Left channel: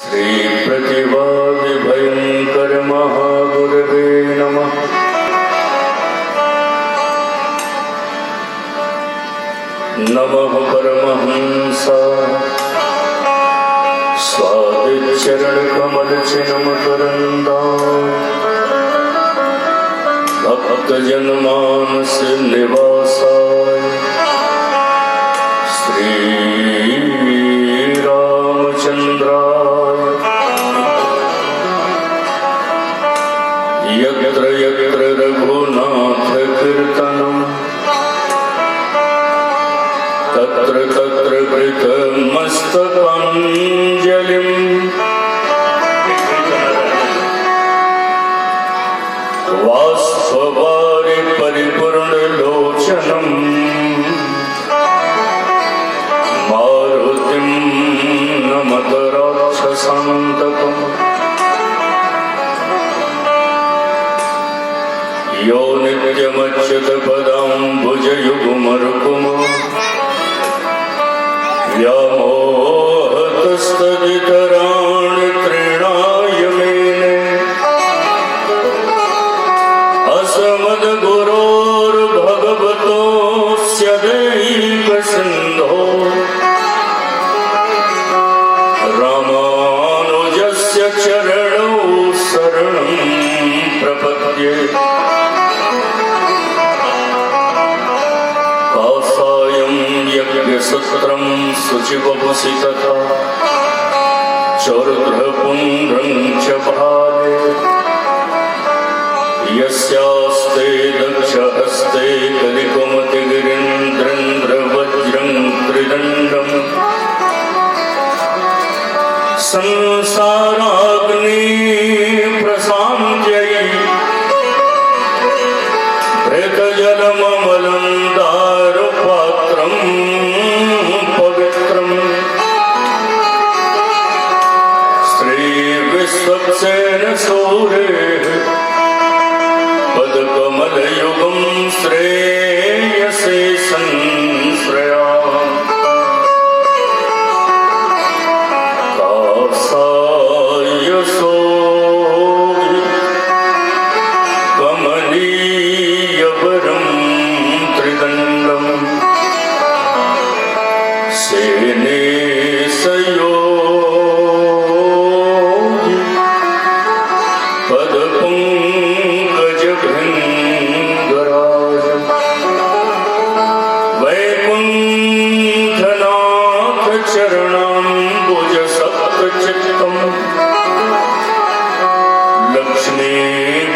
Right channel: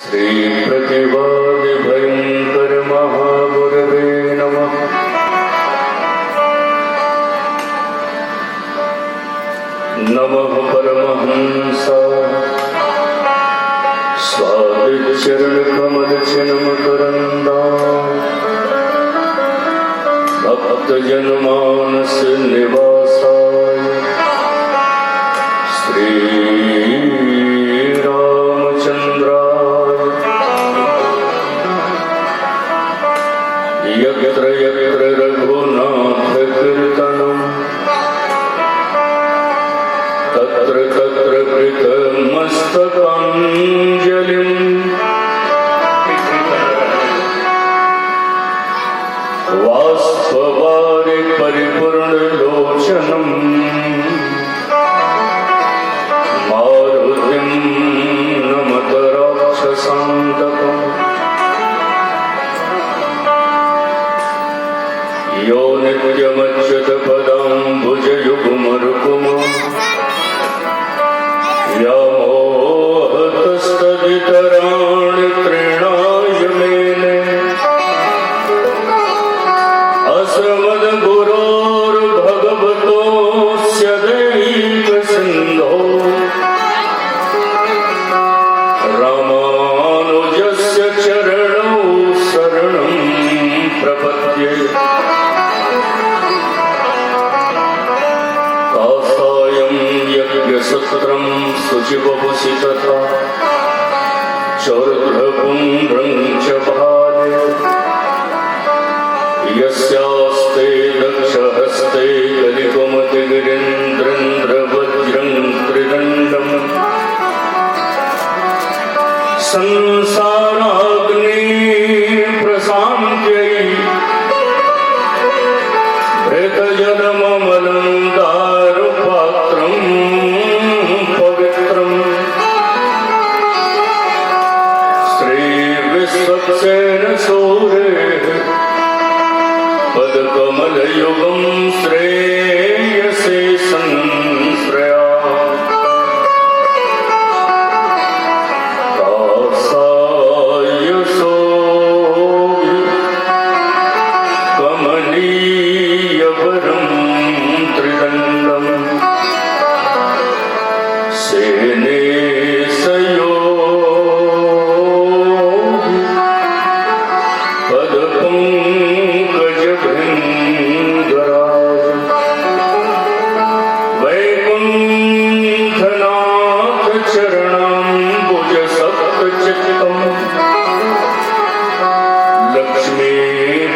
श्री प्रतिवादि भयंकर महागुरवे नमः। नमः परमहंसाय स्वादिचरण कमल चिन्मकरन्दाय भक्तजनमानस निवासाय श्री यत्र यत्र रघुनाथ कीर्तनं तत्र तत्र कृतमस्तकाञ्जलिं वाष्पवारि परिपूर्णलोचनं मारुतिं नमत राक्षसान्तकम्। यो नित्यमच्युतपदाम्बुजयुग्मरुक्म व्यामोहतस्तदितराणि तृणाय मेने अस्मद्गुरोर्भगवतोऽस्य दैकसिन्धो रामानुजस्य चरणौ शरणं प्रपद्ये। यज्ञसूत्रं शुचिवपुषितता चौर्ध्वपुण्ड्रं च भाले यस्यास्ते दक्षहस्ते कलिकमतिगिरीन्द्रेन्द्रवज्रं त्रिदण्डम् संसाराग्नि प्रशान्त्यै प्रेतजलममलं दारुपात्रं पवित्रं श्रीविश्वक्सेन सूरेः पदकमलयुगं श्रेयसे संश्रयामि। कासायसो कमनीयवरं त्रिदण्डं सेनेशयो पदपङ्कजभृङ्गराज वैकुण्ठनाथ चरणाम्बुजसप्तचित्तम् लक्ष्मी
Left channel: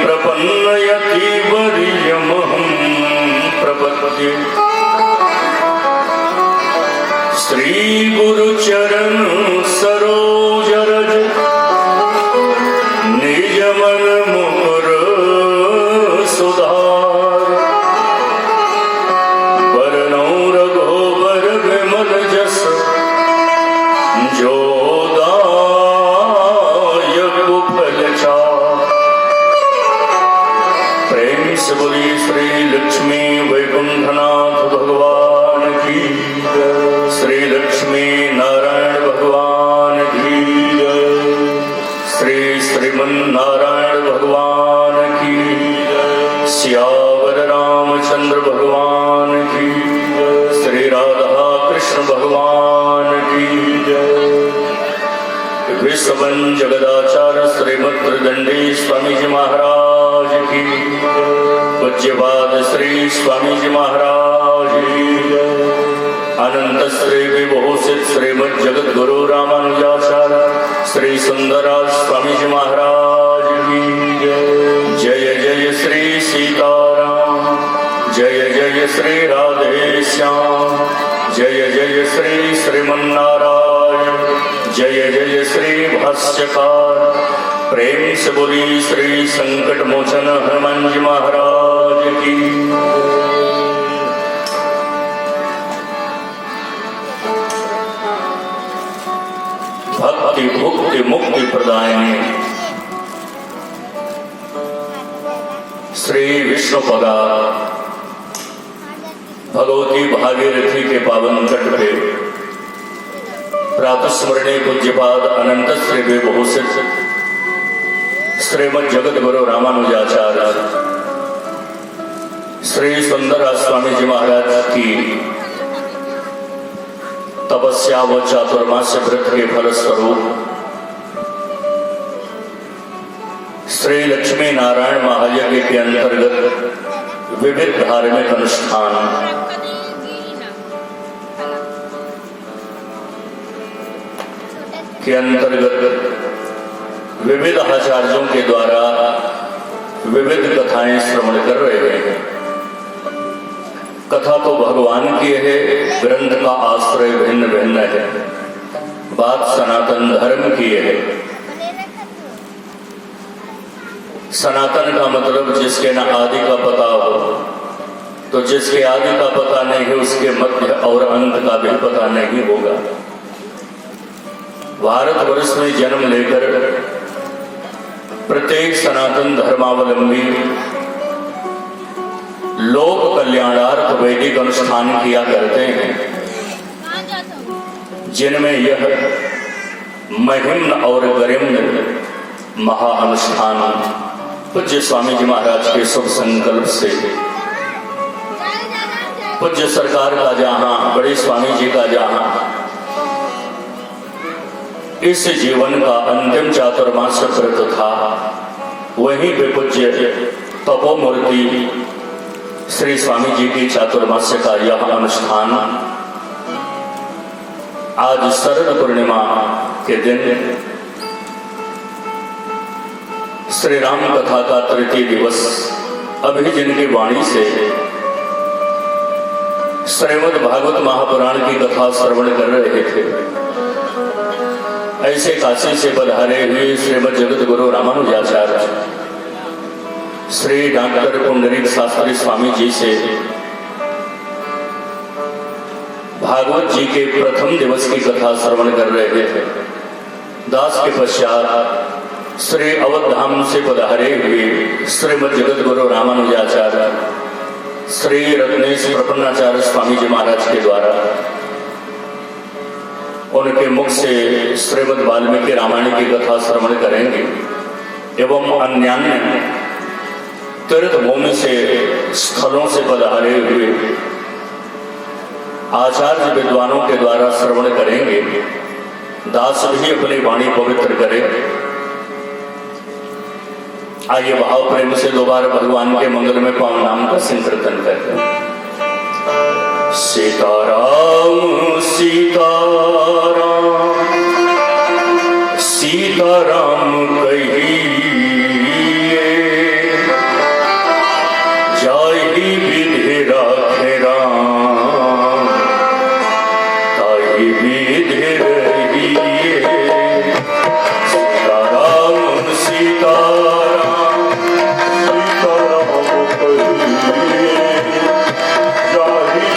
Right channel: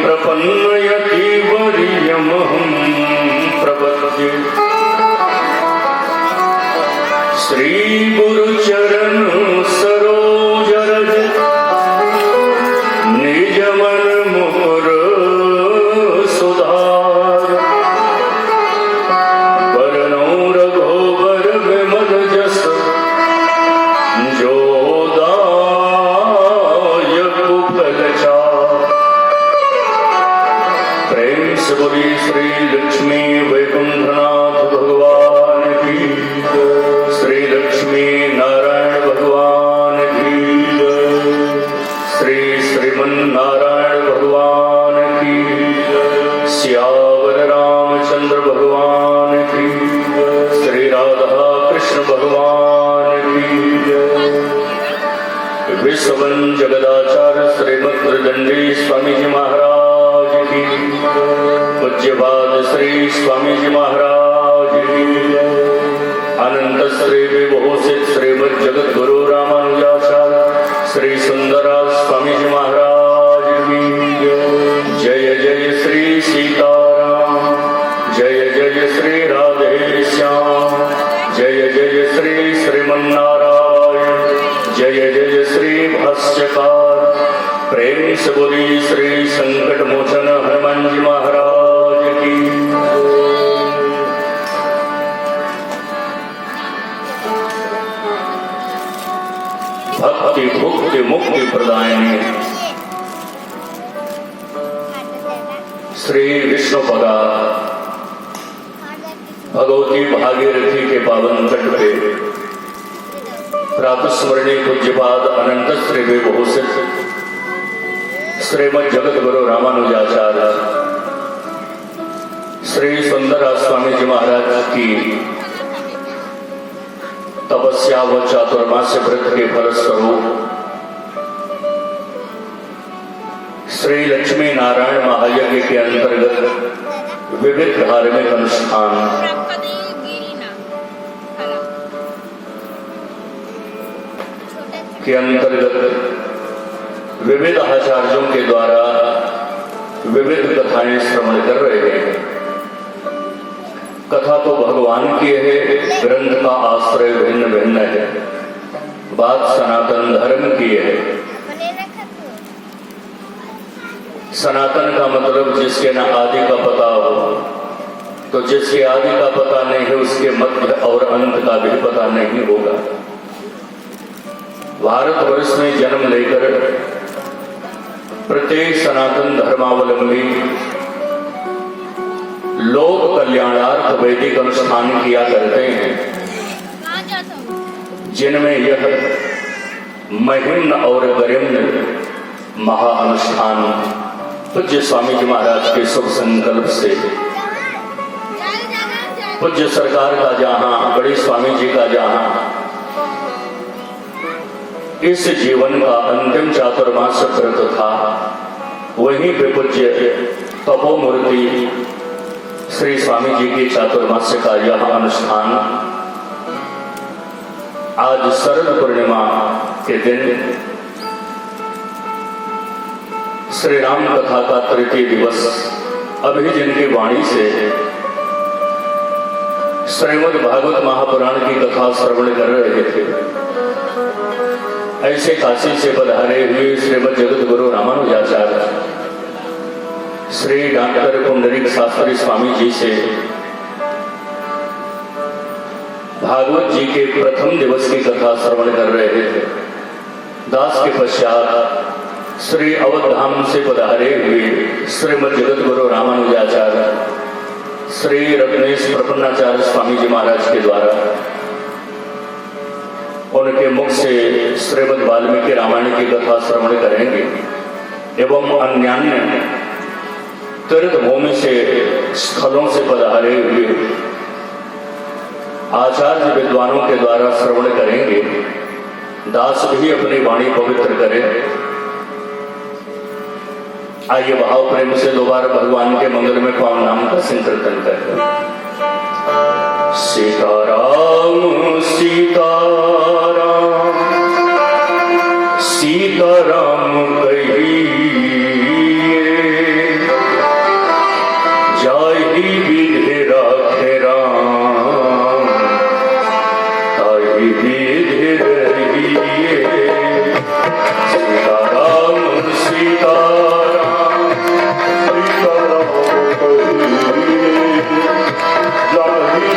प्रपन्नयतिवर्यमहं प्रपद्ये। श्री गुरुचरण सरोजरज निजमन मुकुर सुधार वरनौ रघुबर विमल जस जोदायक फलचार। प्रेम से बोली श्री लक्ष्मी वैकुंठनाथ भगवान की, श्री लक्ष्मी नारायण भगवान की जय, श्री श्रीमन्नारायण भगवान की जय, सियावर रामचंद्र भगवान की जय, श्री राधा कृष्ण भगवान की जय। विश्ववन जगदाचार्य श्रीमद्दंडी स्वामी जी महाराज की, पूज्यपाद श्री स्वामी जी महाराज की, अनंत श्री विभूषित श्रीमद जगत गुरु रामानुजाचार्य श्री सुंदराज स्वामी जी महाराज की जय। जय श्री सीताराम, जय जय श्री राधे श्याम, जय जय श्री श्रीमन्नारायण, जय जय श्री भाष्यकार। प्रेम से बोली श्री संकट मोचन हनुमान जी महाराज की। भक्ति भुक्ति मुक्ति प्रदायिनी श्री विष्णुपदा भगवती भागीरथी के पावन तट पे प्रातस्मरणीय पूज्यपाद अनंत श्री विभूषित श्रीमद जगत गुरु रामानुजाचार्य श्री सुंदरदास स्वामी जी महाराज की तपस्या व चातुर्मास्य व्रत के फलस्वरूप श्री लक्ष्मी नारायण महायज्ञ के अंतर्गत विविध धार्मिक अनुष्ठान के अंतर्गत विविध आचार्यों के द्वारा विविध कथाएं श्रवण कर रहे हैं। कथा तो भगवान की है, ग्रंथ का आश्रय भिन्न भिन्न है, बात सनातन धर्म की है। सनातन का मतलब जिसके न आदि का पता हो, तो जिसके आदि का पता नहीं है उसके मध्य और अंत का भी पता नहीं होगा। भारतवर्ष में जन्म लेकर प्रत्येक सनातन धर्मावलंबी लोक कल्याणार्थ वैदिक अनुष्ठान किया करते हैं, जिनमें यह महिम्न और गरिम्न महाअनुष्ठान पूज्य स्वामी जी महाराज के शुभ संकल्प से पूज्य सरकार का जहां, बड़े स्वामी जी का जहां इस जीवन का अंतिम चातुर्मास्य व्रत था, वहीं पे पूज्य तपोमूर्ति श्री स्वामी जी की चातुर्मास्य का यह अनुष्ठान आज शरद पूर्णिमा के दिन श्री राम कथा का तृतीय दिवस अभी जिनकी वाणी से श्रीमद् भागवत महापुराण की कथा श्रवण कर रहे थे, ऐसे काशी से पधारे हुए श्रीमद् जगत गुरु रामानुजाचार्य श्री डॉक्टर पुंडरीक शास्त्री स्वामी जी से भागवत जी के प्रथम दिवस की कथा श्रवण कर रहे थे। दास के पश्चात श्री अवधाम से पधारे हुए श्रीमद् जगत गुरु रामानुजाचार्य श्री रत्नेश प्रपन्नाचार्य स्वामी जी महाराज के द्वारा उनके मुख से श्रीमद् वाल्मीकि रामायण की कथा श्रवण करेंगे एवं अन्यान्य तीर्थ भूमि से स्थलों से पधारे हुए आचार्य विद्वानों के द्वारा श्रवण करेंगे। दास भी अपनी वाणी पवित्र करें। आइए भाव प्रेम से दोबारा भगवान के मंगल में पावन नाम का संकीर्तन करें। सीताराम सीताराम सीताराम कहिए, जाहि विधि राखे राम ताहि विधि रहिए। सीताराम सीताराम सीताराम कहिए, जाहि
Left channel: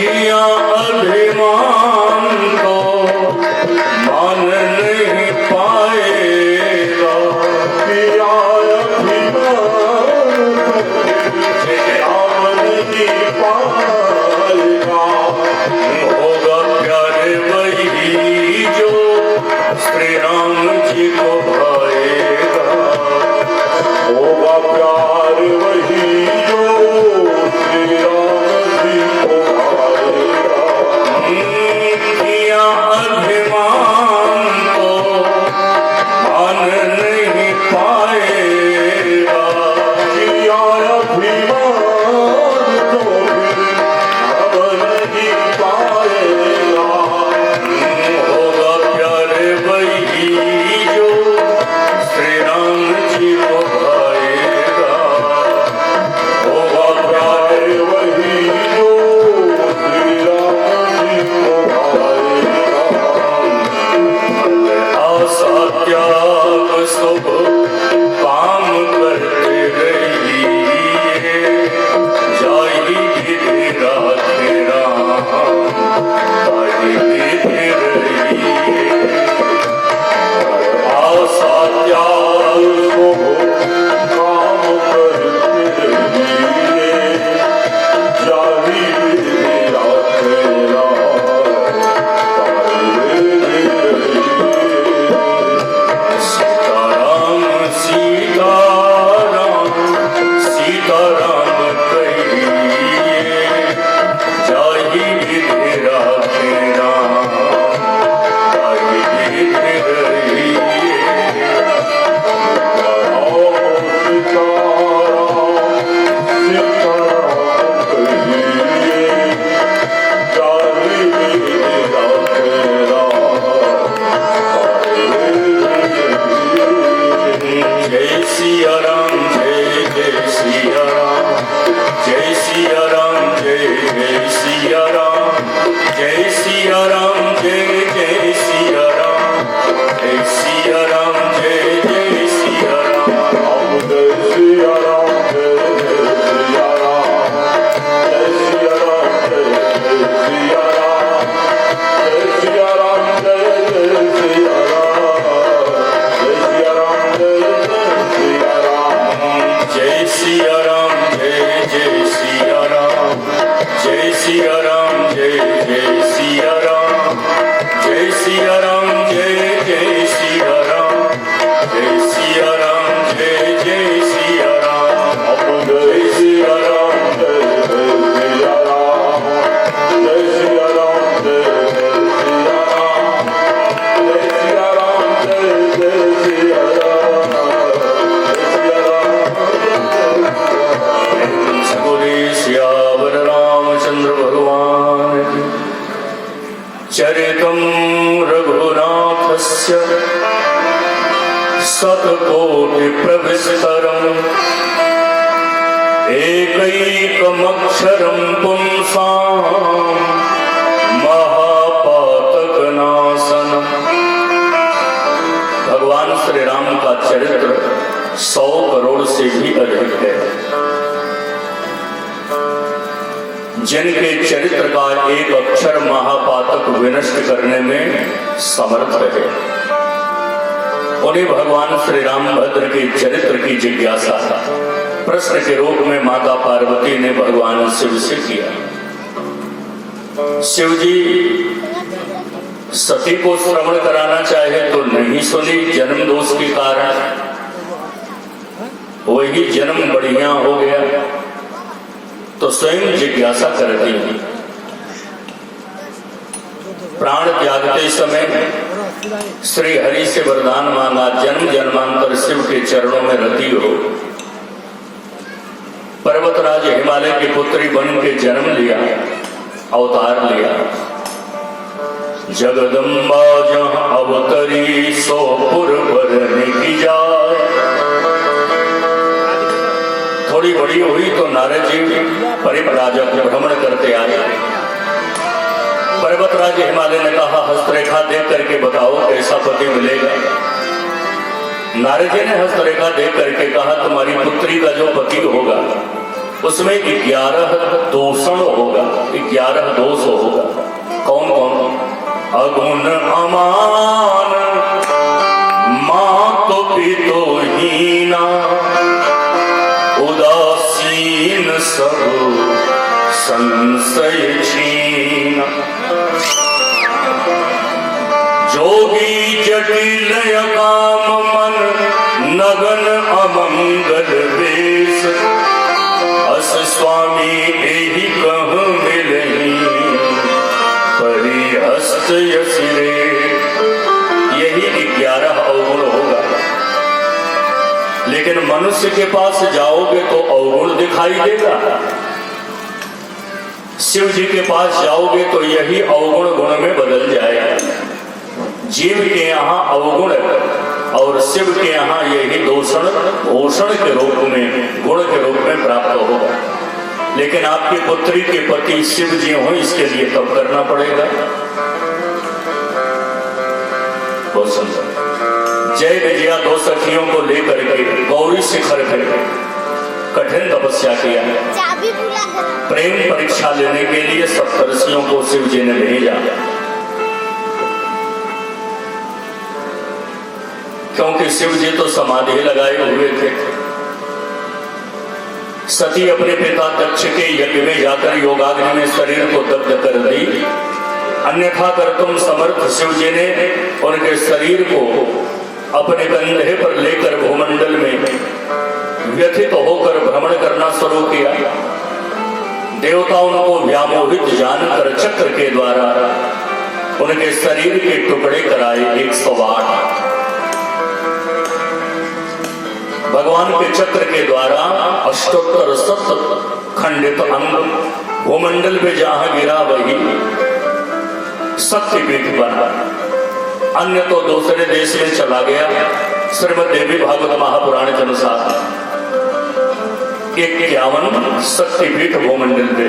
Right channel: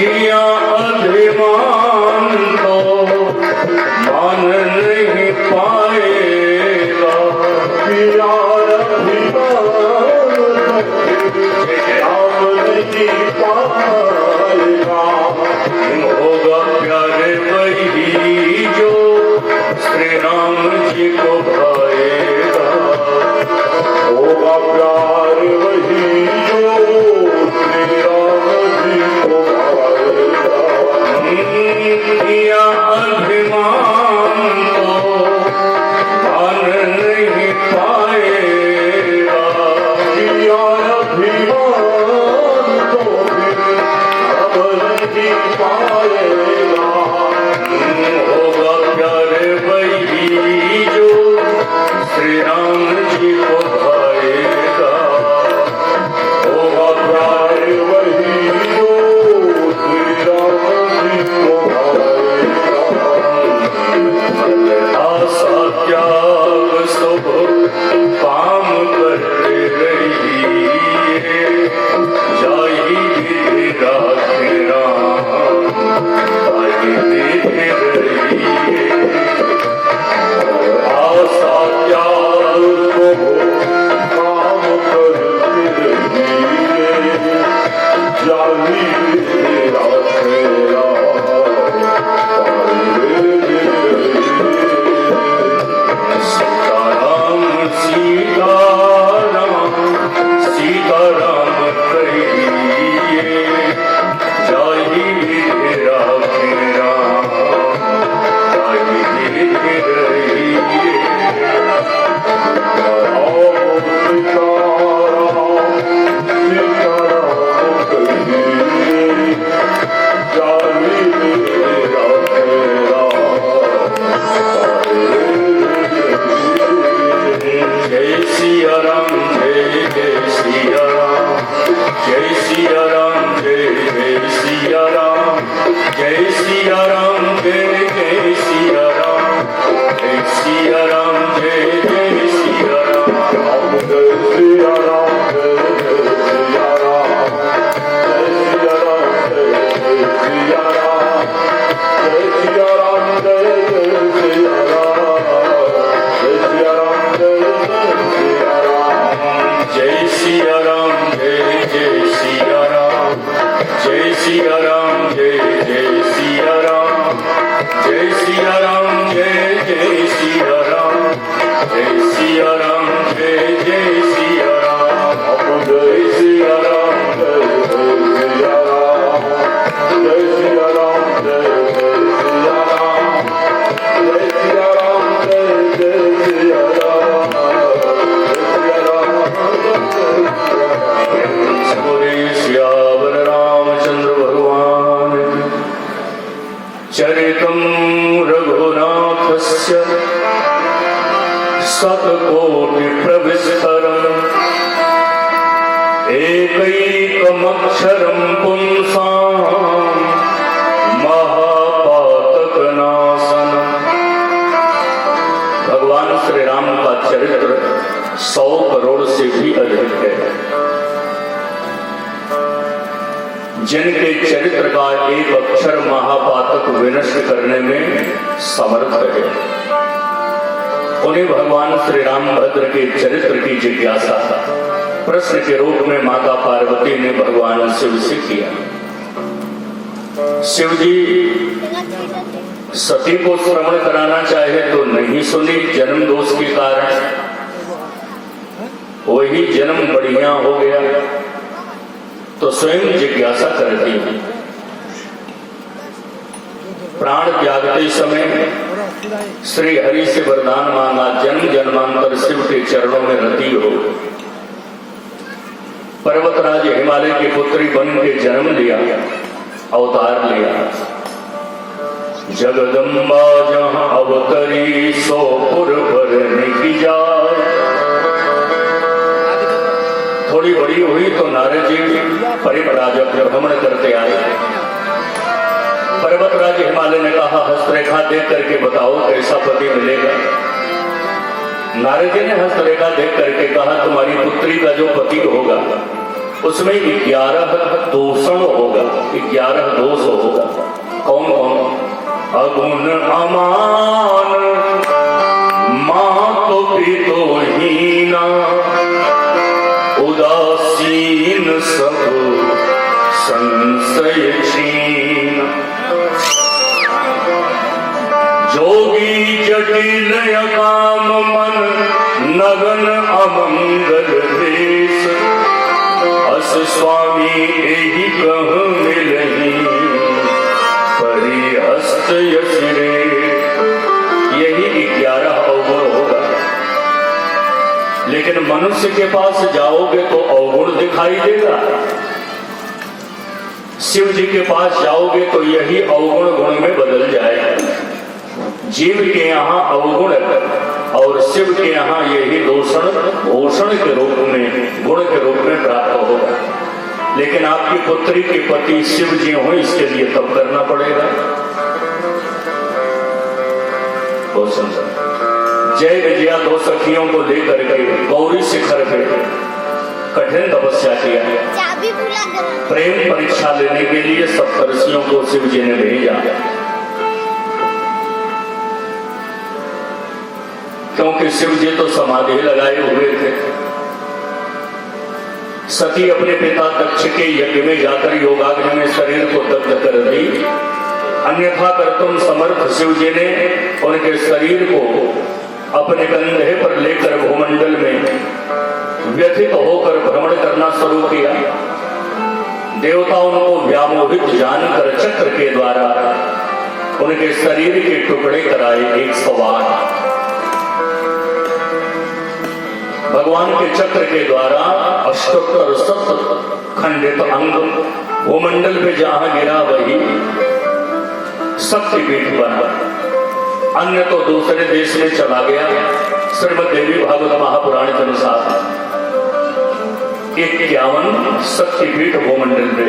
किया अभिमान को मान नहीं पाएगा, किया अभिमान मान नहीं पाएगा। होगा प्यारे वही जो श्री राम जी को भाएगा, होगा प्यार वही जो श्री राम जी को भाएगा। किया अभिमान को मान नहीं पाएगा, किया अभिमान को अब नहीं पाएगा। होगा प्यारे वही जो श्री राम जी को भाएगा, होगा प्यार वही जो श्री राम जी को भाएगा। आशा त्याग शुभ काम करते रहिए, जाहि विधि राखे राम, ताहि विधि रहिए। आशा त्याग शुभ काम करते रहिए, जाहि विधि राखे राम, ताहि विधि रहिए। सीताराम सीताराम सीताराम कहिए, जाहि विधि राखे राम, ताहि विधि रहिए। जय सिया राम जय जय सिया राम, जय सिया राम जय जय सिया राम, जय सिया राम जय जय सिया राम, जय सिया राम जय जय सिया राम। जय सिया राम जय जय सिया राम, जय सिया राम जय जय सिया राम, जय सिया राम जय जय सिया राम, जय सिया राम जय जय सिया राम। जय सिया राम जय जय सिया राम, जय सिया राम जय जय सिया राम, जय सिया राम जय जय सिया राम, सगुरे श्यावर रामचंद्र भगवान चरितं रघुनाथस्य शतकोटि प्रविस्तरम् एकैकमक्षरं पुंसां महापातकनाशनम्। भगवान श्री राम का चरित्र 100 करोड़ से भी अधिक है। जिनके चरित्र का एक अक्षर महापातक विनष्ट करने में समर्थ है, उन्हें भगवान श्री राम भद्र के चरित्र की जिज्ञासा प्रश्न के रूप में माता पार्वती ने भगवान शिव से किया। शिव जी सती को श्रवण कराना चाहे तो नहीं सुनी, जन्म दोष के कारण। वही जन्म बढ़िया हो गया तो स्वयं जिज्ञासा करती है। प्राण त्यागते समय श्री हरि से वरदान मांगा, जन्म जन्मांतर शिव के चरणों में रति हो। पर्वतराज हिमालय की पुत्री बन के जन्म लिया, अवतार लिया। जगदम्बा जहां अवतरी सो पुर भरने की जाए। थोड़ी बड़ी हुई तो नारद जी परिव्राजक भ्रमण करते आए। पर्वतराज हिमालय ने कहा, हस्तरेखा देख करके बताओ कैसा पति मिलेगा। नारद जी ने हस्तरेखा देख करके कहा, तुम्हारी पुत्री का जो पति होगा उसमें 11 दूषण होगा, 11 दोष होगा। कौन कौन? अगुण अमान, मातो पितो हीना, उदासीन सब संशय छीना, जोगी जटिल काम मन, नगन अमंगल वेश, अस स्वामी एहि कह मिलही, परिहस्त यसिरे। यही 11 अवगुण होगा। लेकिन मनुष्य के पास जाओगे तो अवगुण दिखाई देगा, शिव जी के पास जाओगे तो यही अवगुण गुण में बदल जाएगा। जीव के यहाँ अवगुण और शिव के यहाँ यही दूषण भूषण के रूप में, गुण के रूप में प्राप्त होगा। लेकिन आपकी पुत्री के पति शिव जी हों, इसके लिए तब करना पड़ेगा। तो समझो, जय विजया 2 सखियों को लेकर के गौरी शिखर पे कठिन तपस्या किया है। प्रेम परीक्षा लेने के लिए सप्तर्षियों को शिव जी ने भेजा, क्योंकि शिव जी तो समाधि लगाए हुए थे। सती अपने पिता दक्ष के यज्ञ में जाकर योगाग्नि में शरीर को दग्ध कर दी, अन्यथा कर तुम समर्थ शिव जी ने उनके शरीर को अपने कंधे पर लेकर भूमंडल में व्यथित होकर भ्रमण करना शुरू किया। देवता उनको व्यामोहित जानकर चक्र के द्वारा उनके शरीर के टुकड़े कराए 108। भगवान के चक्र के द्वारा अष्टोत्तर 7 खंडित अंग भूमंडल में जहां गिरा वही शक्तिपीठ बना। अन्य तो दूसरे देश में चला गया। श्रीमद देवी भागवत महापुराण के अनुसार 51 शक्तिपीठ भूमंडल पे।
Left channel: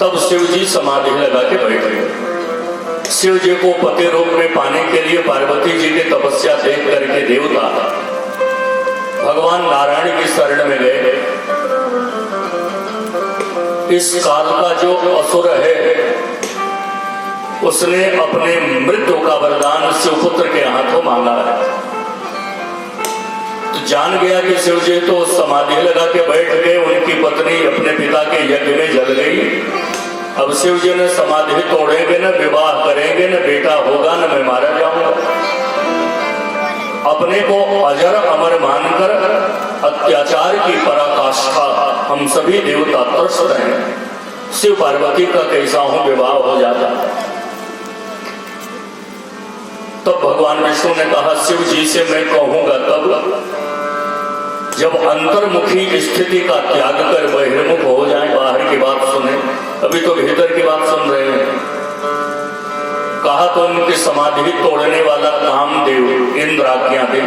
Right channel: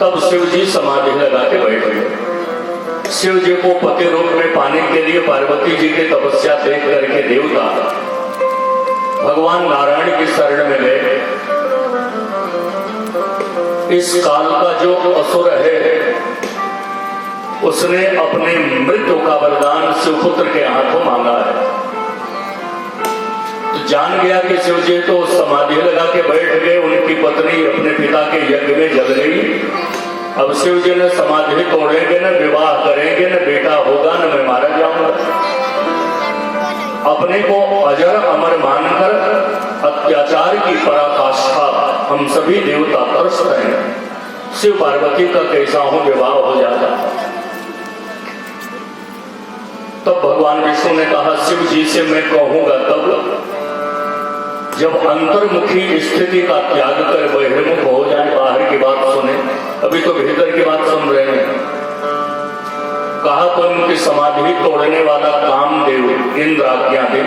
तब शिव जी समाधि लगा के बैठ गए। शिव जी को पति रूप में पाने के लिए पार्वती जी की तपस्या देख करके देवता भगवान नारायण की शरण में गए। इस काल का जो असुर है उसने अपने मृत्यु का वरदान शिवपुत्र के हाथों मांगा है। तो जान गया कि शिव जी तो समाधि लगा के बैठ गए, उनकी पत्नी अपने पिता के यज्ञ में जल गई। अब शिव जी ने समाधि तोड़ेंगे, न विवाह करेंगे, न बेटा होगा, न मैं मारा जाऊंगा। अपने को अजर अमर मानकर अत्याचार की पराकाष्ठा हम सभी देवता तरसते हैं। शिव पार्वती का कैसा हो विवाह हो जाता। तब भगवान विष्णु ने कहा शिव जी से मैं कहूंगा तब जब अंतर्मुखी स्थिति का त्याग कर बहिर्मुख हो जाए, बाहर की बात सुने। अभी तो भीतर की बात सुन रहे हैं। कहा तो उनकी समाधि तोड़ने वाला कामदेव इंद्र आज्ञा दे।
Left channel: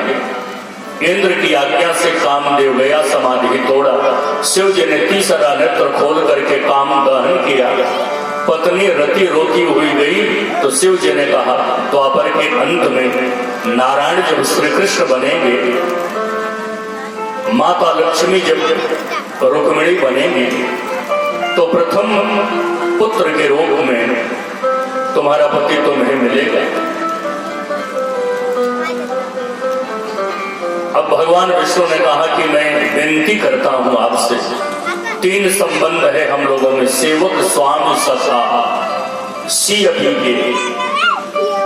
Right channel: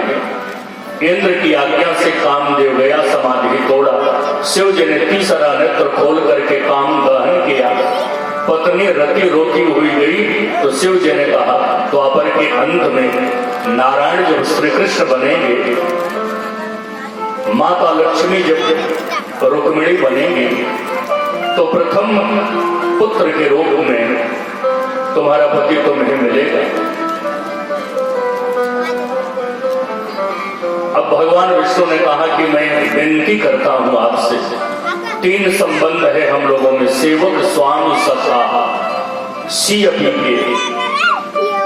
इंद्र की आज्ञा से कामदेव गया, समाधि तोड़ा। शिव जी ने तीसरा नेत्र खोल करके काम दहन किया। पत्नी रति रोती हुई गई तो शिव जी ने कहा द्वापर के अंत में नारायण जब श्री कृष्ण बनेंगे, माता लक्ष्मी जब रुक्मिणी बनेंगी, तो प्रथम पुत्र के रूप में तुम्हारा पति तुम्हें मिलेगा। अब भगवान विष्णु ने कहा कि मैं विनती करता हूं आपसे, 3 संबंध है हम लोगों में, सेवक स्वामी सखा सियपी के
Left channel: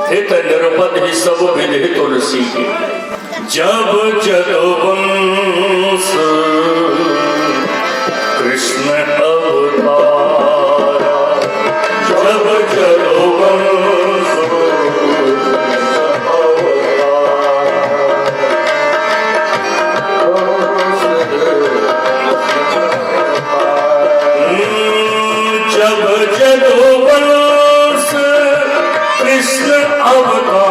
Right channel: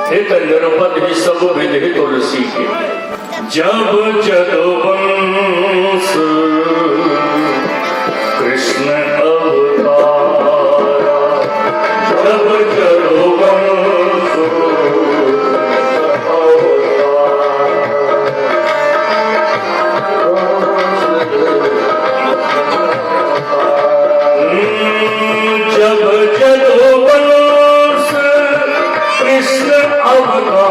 हित निरपद ही सब विधि तुलसी के। जब जदुवंश कृष्ण अवतारा, जब जदुवंश जब जदुवंश कृष्ण अवतारा,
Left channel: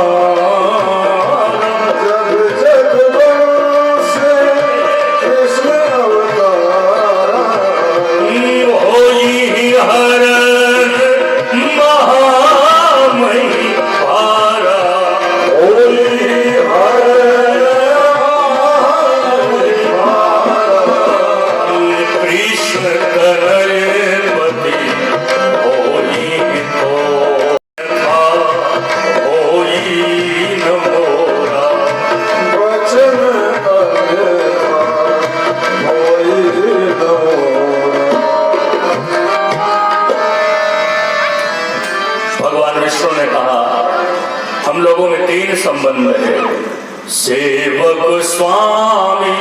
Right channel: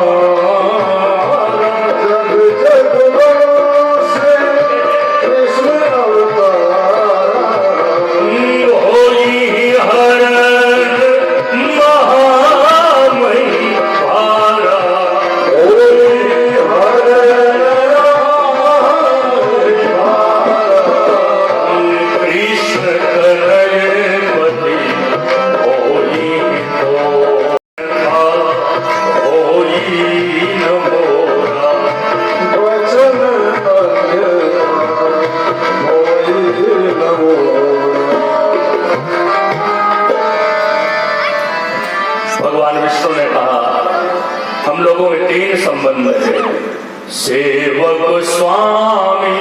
जब जदुवंश संबंध है। सेवक स्वामी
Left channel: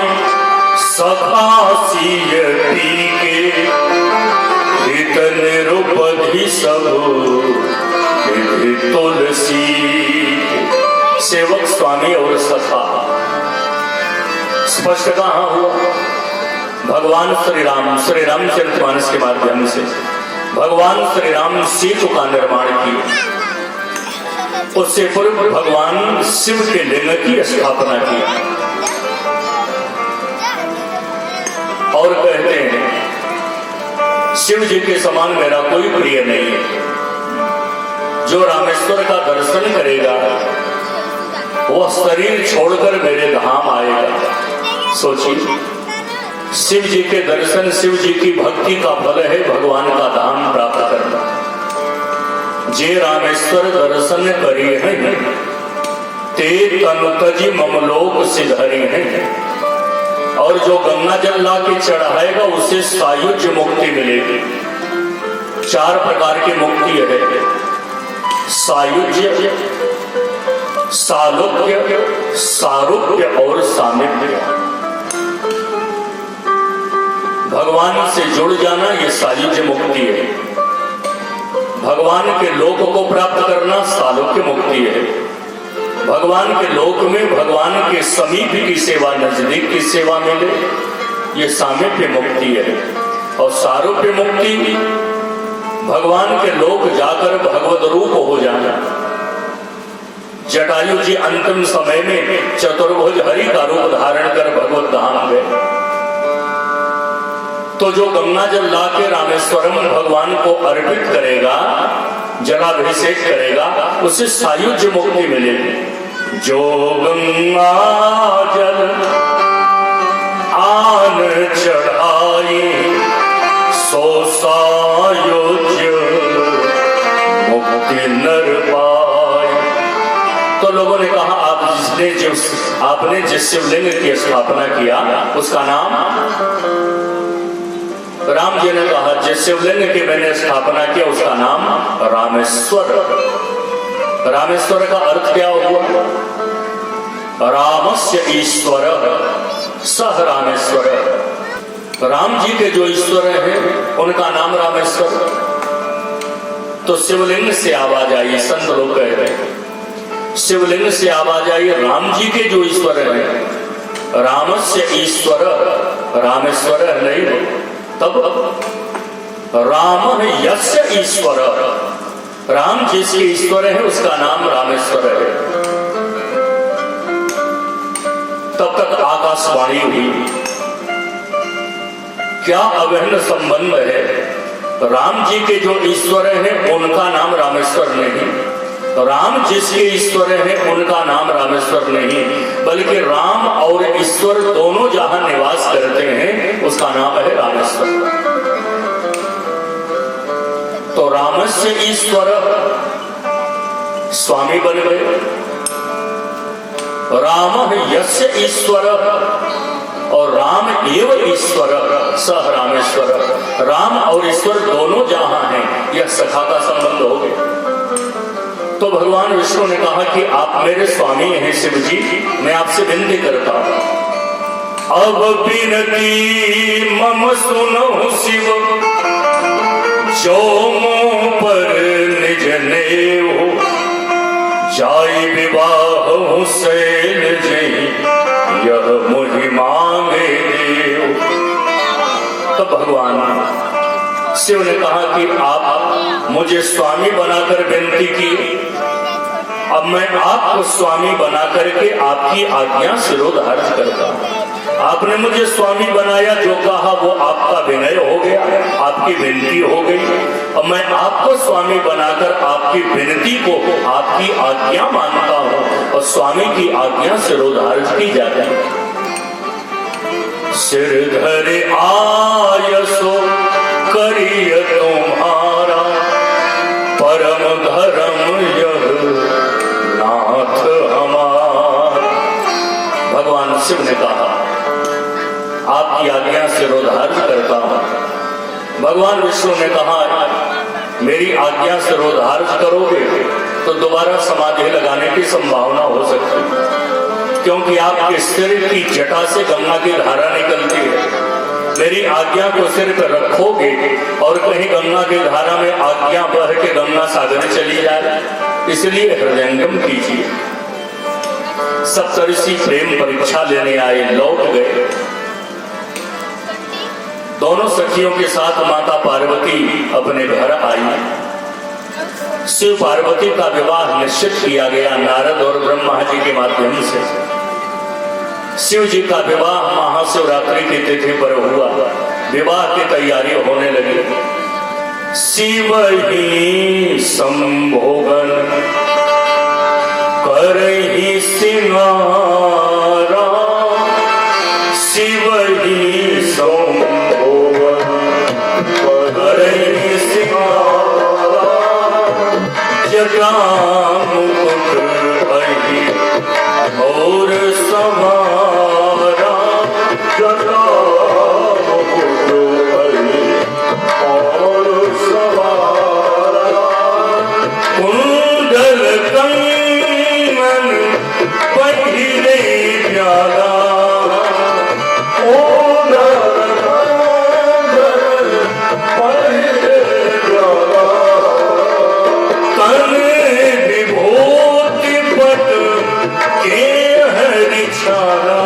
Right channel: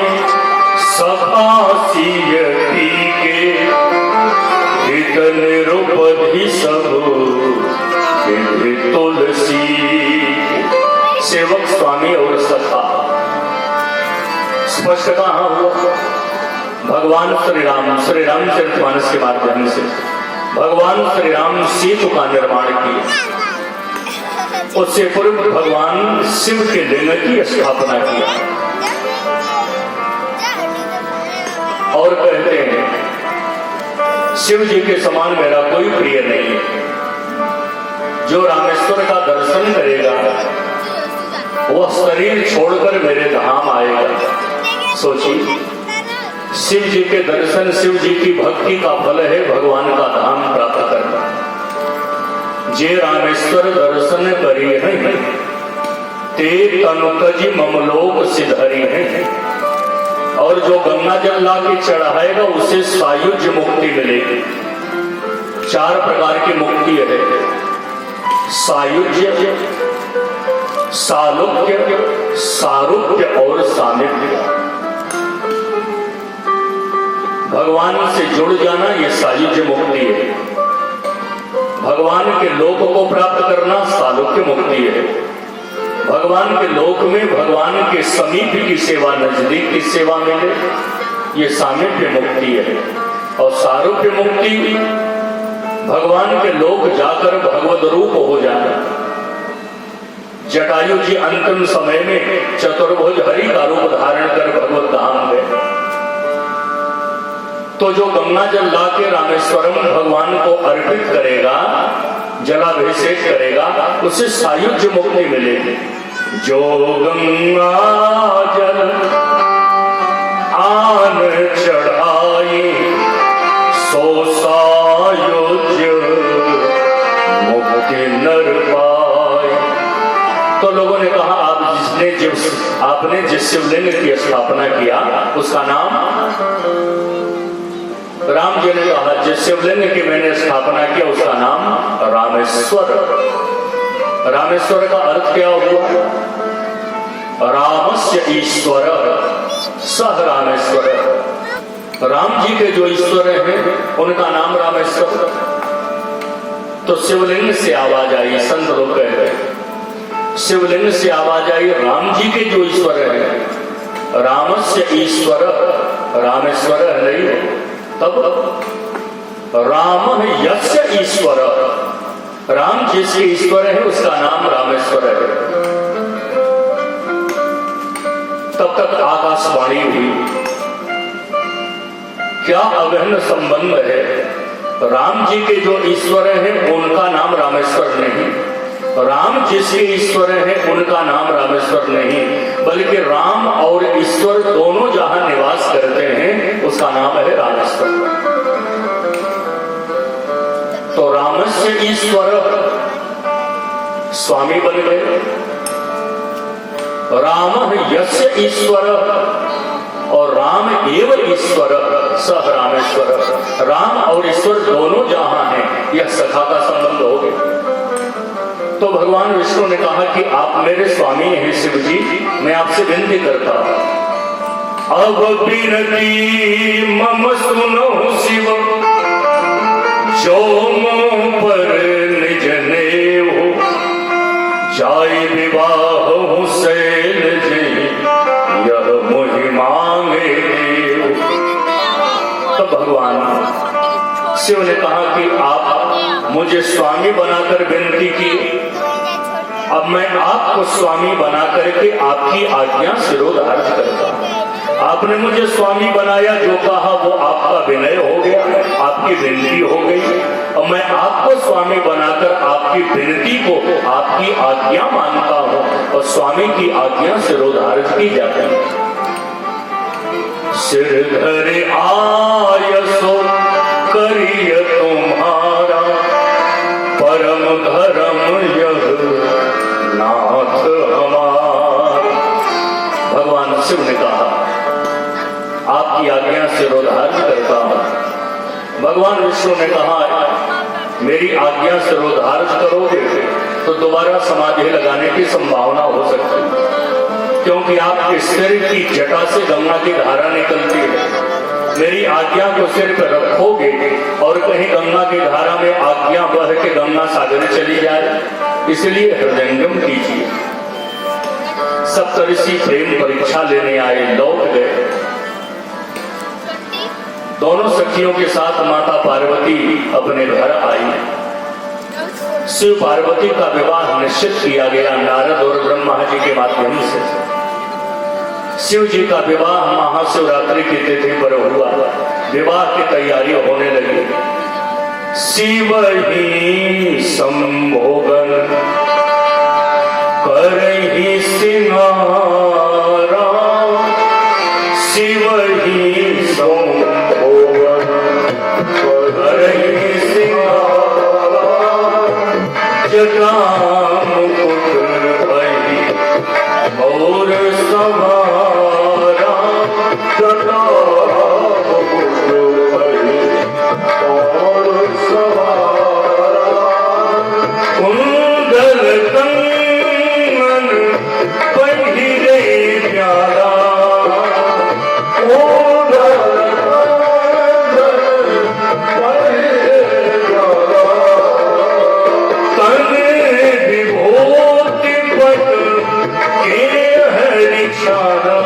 सखा सियती के हित निरुपधि सब विधि तुलसी। सेवक स्वामी और सखा स्पष्ट कहा हुआ भगवान श्री रामचरितमानस के माध्यम से भगवान श्री राम सेतु का निर्माण किया। उससे पूर्व भगवान शिव के लिंग की स्थापना की और कहते हैं शिव जी के समान मेरा कोई प्रिय नहीं है। जो रामेश्वर का दर्शन करेगा वह शरीर छोड़कर मेरे धाम आएगा। सोचिए, शिव जी के दर्शन, शिव जी की भक्ति का फल है भगवान का धाम प्राप्त करना। जे रामेश्वर दर्शन करी है ते तनु तजी ममलोक सिधरी है। और जो गंगा जल ला के चढ़ाएगा उसे सायुज्य मुक्ति मिलेगी। 4 प्रकार की मुक्ति है, सायुज्य, सालोक्य, सारूप्य और सामिप्य। भगवान से जुड़ जाना ये सायुज्य मुक्ति है। भगवान के लोक को प्राप्त करना सालोक्य मुक्ति है। भगवान के लोक में भगवान के समीप की सेवा, नजदीक की सेवा मिले, ये सामीप्य मुक्ति है। और सारूप्य मुक्ति भगवान के लोक जाकर भगवत रूप हो जाना। जटायु जी अंतिम समय में चतुर्भुज हरि का रूप धारण कर भगवत धाम गए। तो जो गंगा जल ला के रामेश्वरम भगवान को अर्पित करेगा, जलाभिषेक करेगा, उसे सायुज्य मुक्ति मिलेगी। जो गंगा जल आन चढ़ाई सो सायुज्य मुक्ति नर पाए। तो लोगों ने कहा आपने जिस शिवलिंग की स्थापना किया उसका नाम, राम जी ने कहा जिस शिवलिंग की मैंने स्थापना किया उसका नाम रामेश्वर। रामेश्वर का अर्थ क्या हुआ? रामस्य ईश्वर सह रामेश्वर। राम जी के जो ईश्वर हैं उनका नाम रामेश्वर। तो शिवलिंग से आवाज आई, संत लोग कह रहे हैं शिवलिंग से आवाज आई राम जी के जो ईश्वर हैं, रामस्य ईश्वर रामेश्वर नहीं। तब राम यस्य ईश्वर, राम जिसके ईश्वर है उसका नाम रामेश्वर है। तब तक आकाशवाणी हुई, क्या अगहन संबंध है? राम जी के जो ईश्वर हैं उनका नाम रामेश्वर नहीं, राम जिसके ईश्वर हैं उनका नाम रामेश्वर नहीं, बल्कि राम और ईश्वर दोनों जहां निवास करते हैं उसका नाम है रामेश्वर। तो रामस्य ईश्वर स्वामी बन गए, राम यस्य ईश्वर और राम एवं ईश्वर सह रामेश्वर। राम और ईश्वर दोनों जहां हैं, यह सखा का संबंध हो गया। तो भगवान विष्णु ने कहा कि आप मेरे स्वामी हैं शिव जी, मैं आपसे विनती करता हूं, अब विनती मम सुनो शिव, जो मुंह पर निज नेव, जाय विवाह सैल जय, यह मुहि मांगे देव। तो भगवान शिव ने कहा कि आप मुझे स्वामी बनाकर विनती की, अब मैं आपको स्वामी बना करके आपकी आज्ञा शिरोधार्य करता हूं। आपने मुझे स्वामी बनाया, जो कहा वो आपका विनय हो गया, आपकी विनती हो गई। और मैं आपको स्वामी बनाकर आपकी विनती को आपकी आज्ञा मानता हूं और स्वामी की आज्ञा शिरोधार्य की जाती है। सिर धरे आयसो करिय तुम्हारा, परम धर्म यह नाथ हमारा। भगवान शिव ने कहा आपकी आज्ञा शिरोधार्य करता हूं। भगवान विष्णु ने कहा मेरी आज्ञा सिरोधार्य करोगे तो दोबारा समाधि लगाने की संभावना हो सकती है, क्योंकि आपके सिर की जटा से गंगा की धारा निकलती है। मेरी आज्ञा को सिर पर रखोगे और कहीं गंगा की धारा में आज्ञा बह के गंगा सागर चली जाए, इसलिए हृदयंगम कीजिए। सप्तऋषि प्रेम परीक्षा लेने आए, लौट गए। दोनों सखियों के साथ माता पार्वती अपने घर आई। शिव पार्वती का विवाह निश्चित किया गया नारद और ब्रह्मा जी के माध्यम से। शिव जी का विवाह महाशिवरात्रि की तिथि पर हुआ। विवाह की तैयारी होने लगी। शिव ही संभोगन करहि सिंगारा, शिव ही संभोगन करहि सिंगारा, जटा मुकुट भई और सवारा, जटा मुकुट भई और सवारा, कुंडल कंगन पहिरे प्याला, कुंडल कंगन पहिरे प्याला, तन विभूति पट के हरि छाला,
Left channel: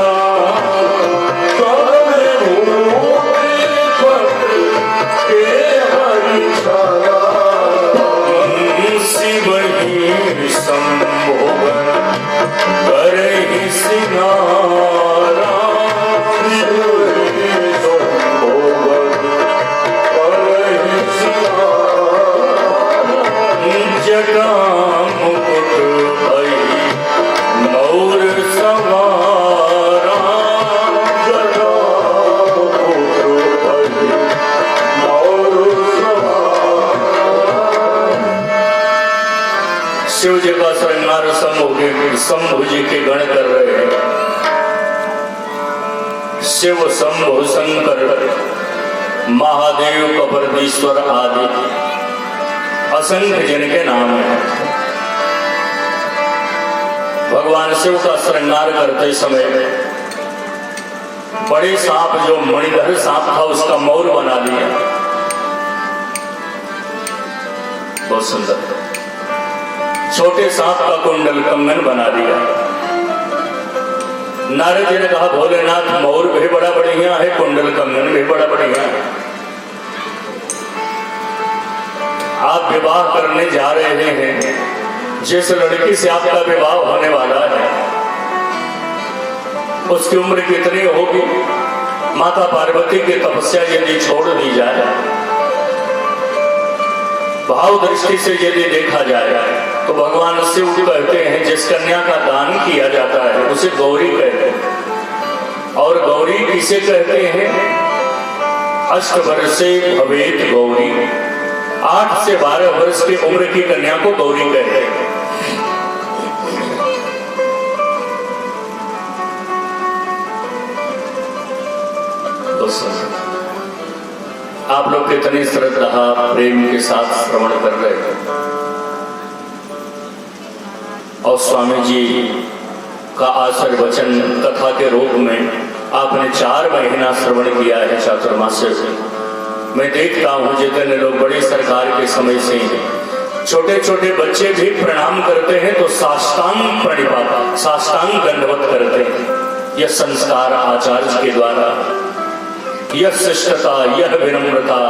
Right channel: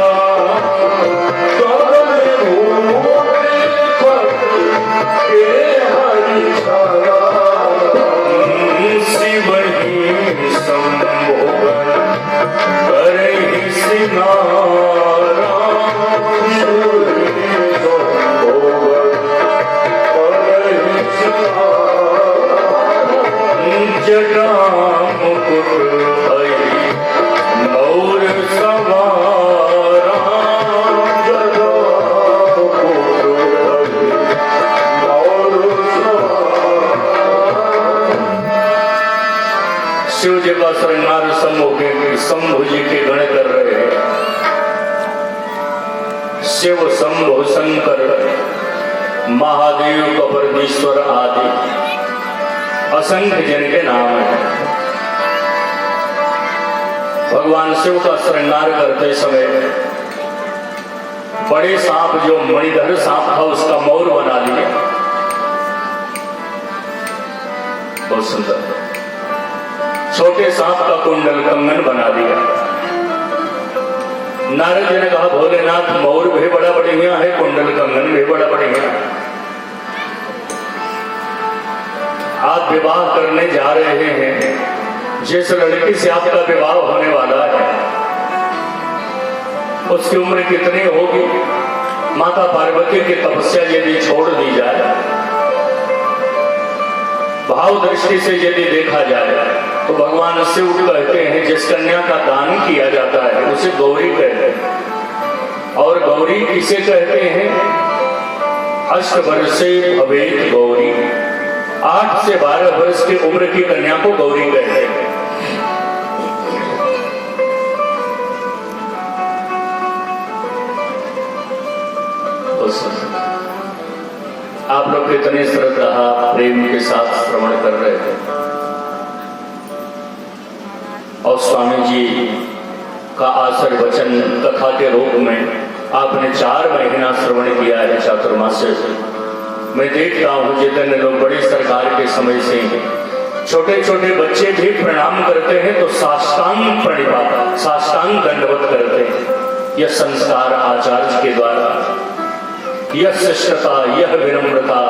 तन विभूति पट के हरि छाला, शिव ही संभोगन करहि सिंगारा, शिव ही संभोगन करहि सिंगारा, जटा मुकुट भई मोर सवारा, जटा मुकुट भई और सवारा। शिव जी का श्रृंगार शंभु जी के गण कर रहे हैं। शिव शंभु शंकर महादेव कबरदीश्वर आदि असंख्य जिनके नाम है। भगवान शिव का श्रृंगार करते समय बड़े सांप जो मणिधर सांप था उसका मौर बना लिया। बहुत सुंदर। छोटे सांप का कुंडल कंगन बना दिया। नारद जी ने कहा भोलेनाथ मौर भी बड़ा बढ़िया है, कुंडल कंगन भी बड़ा बढ़िया है। आप विवाह करने जा रहे हैं, जिस लड़की से आपका विवाह होने वाला है उसकी उम्र कितनी होगी? माता पार्वती की तपस्या यदि छोड़ दी जाए, भाव दृष्टि से यदि देखा जाए तो भगवान शिव कहते हैं जिस कन्या का दान किया जाता है उसे गौरी कहते हैं। और गौरी किसे कहते हैं? 8 वर्षे भवेत गौरी, 8 से 12 वर्ष की उम्र की कन्या को गौरी कहते हैं। आप लोग कितनी श्रद्धा प्रेम के साथ श्रवण कर रहे हैं। और स्वामी जी का आशीर्वचन कथा के रूप में आपने 4 महीना श्रवण किया है चातुर्मास्य से। मैं देखता हूं जितने लोग बड़ी सरकार के समय से छोटे छोटे बच्चे भी प्रणाम करते हैं तो साष्टांग प्रणिपात, साष्टांग दंडवत करते हैं। यह संस्कार आचार्य के द्वारा, यह शिष्टता, यह विनम्रता।